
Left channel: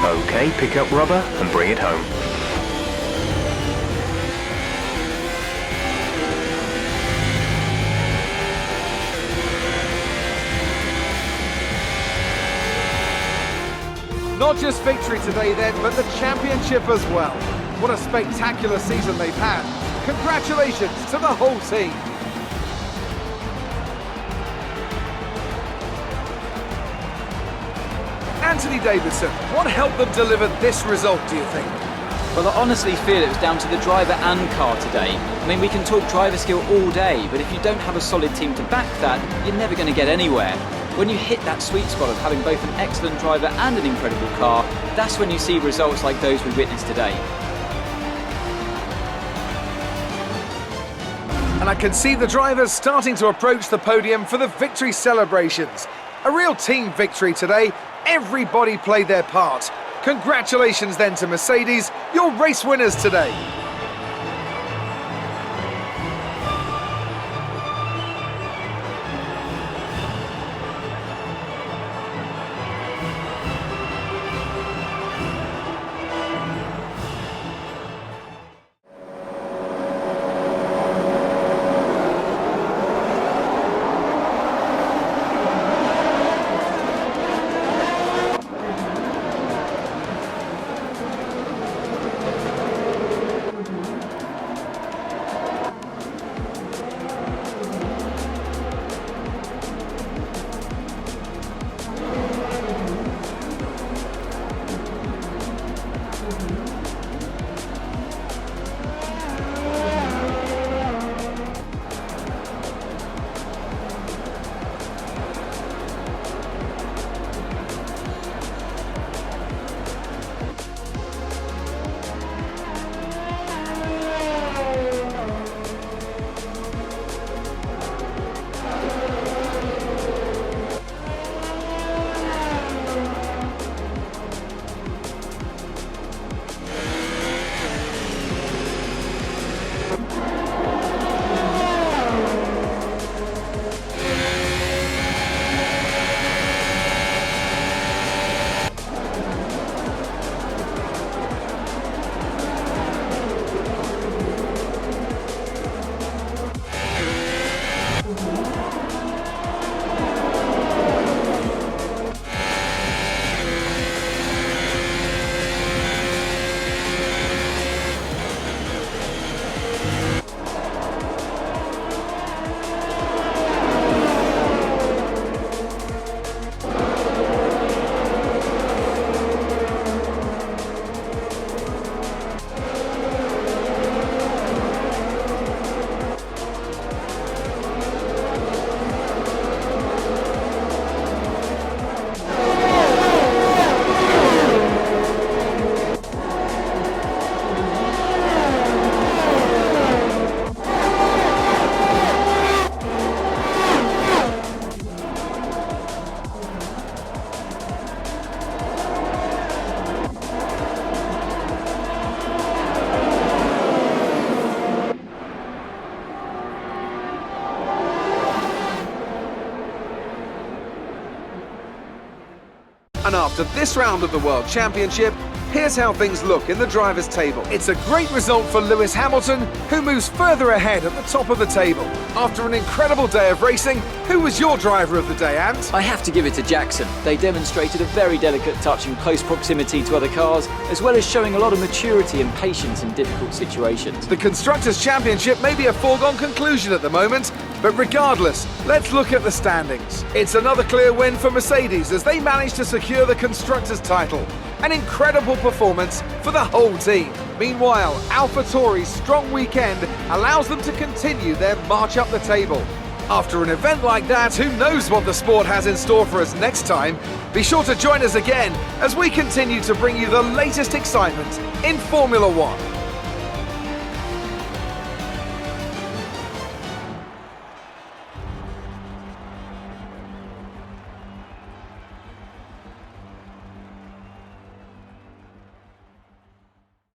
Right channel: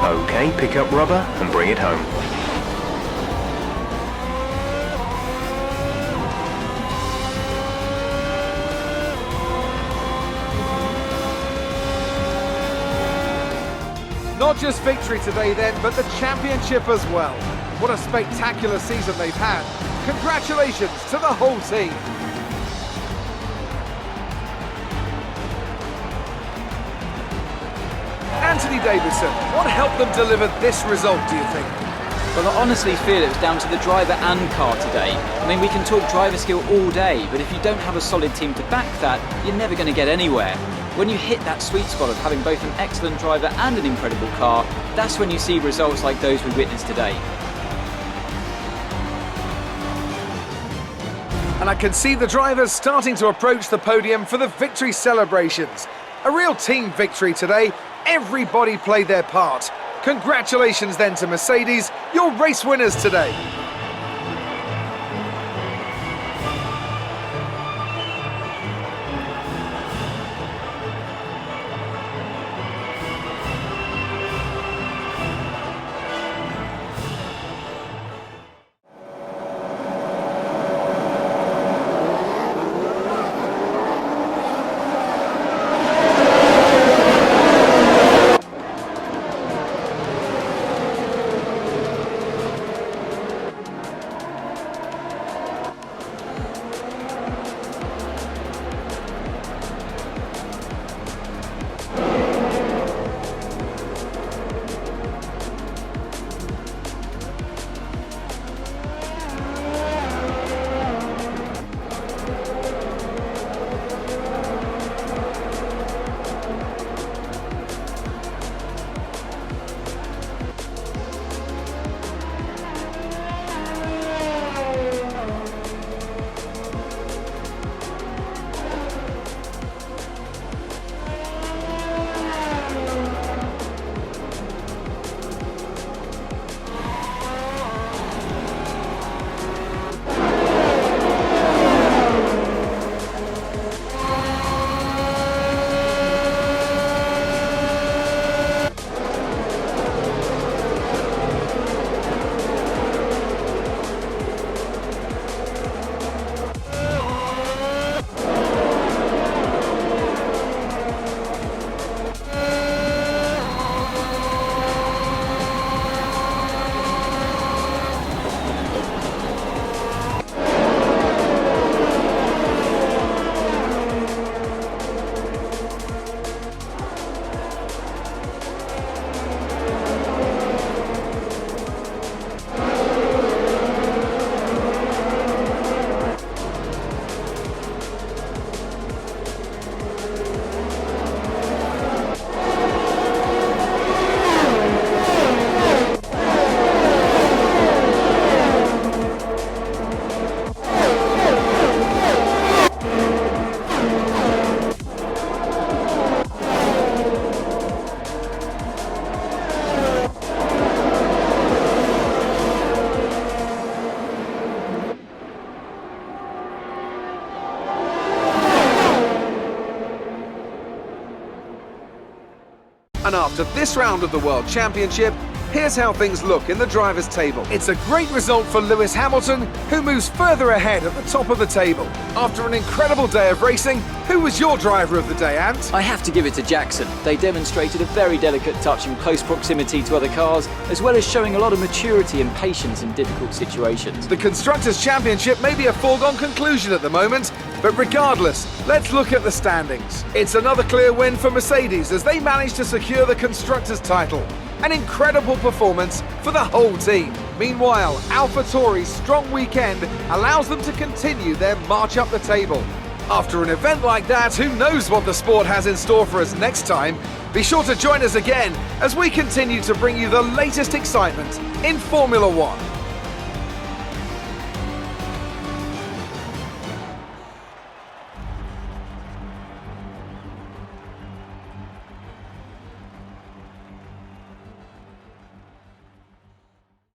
Okay, pick up rubber and bring it home. Not just victory today then, but the championship as well. What a spectacular season they've had. Congratulations to the whole team. Anthony Davidson, what helped them deliver this result, do you think? Well, I honestly feel it was down to the driver and car today. I mean, we can talk driver skill all day, but if you don't have a solid team to back that, you're never going to get anywhere. When you hit that sweet spot of having both an excellent driver and an incredible car, that's when you see results like those we witnessed today. And I can see the drivers starting to approach the podium for the victory celebrations. A real team victory today. Everybody played their part. Congratulations then to Mercedes, your race winners today. And after this round of the World Championship, here's how things look in the drivers' table. It's a great result for Lewis Hamilton, who moves further ahead at the top of the table. After an incredible day of racing, who was your driver of the day, Ant? I have to give it to Jackson. They demonstrated a very delicate touch in close proximity to other cars, as well as showing a lot of maturity and patience in difficult situations. The Constructors' Championship may be a foregone conclusion at the moment, but regardless, let's look at the standings. It's another clear win for Mercedes as they managed to secure the Constructors' title. An incredible performance for the whole team. Meanwhile, AlphaTauri's strong weekend allows them to continue their march up the table. After an event like that, who knows what the sport has in store for us next time? Be sure to join us again as we continue to bring you the latest excitement in Formula One.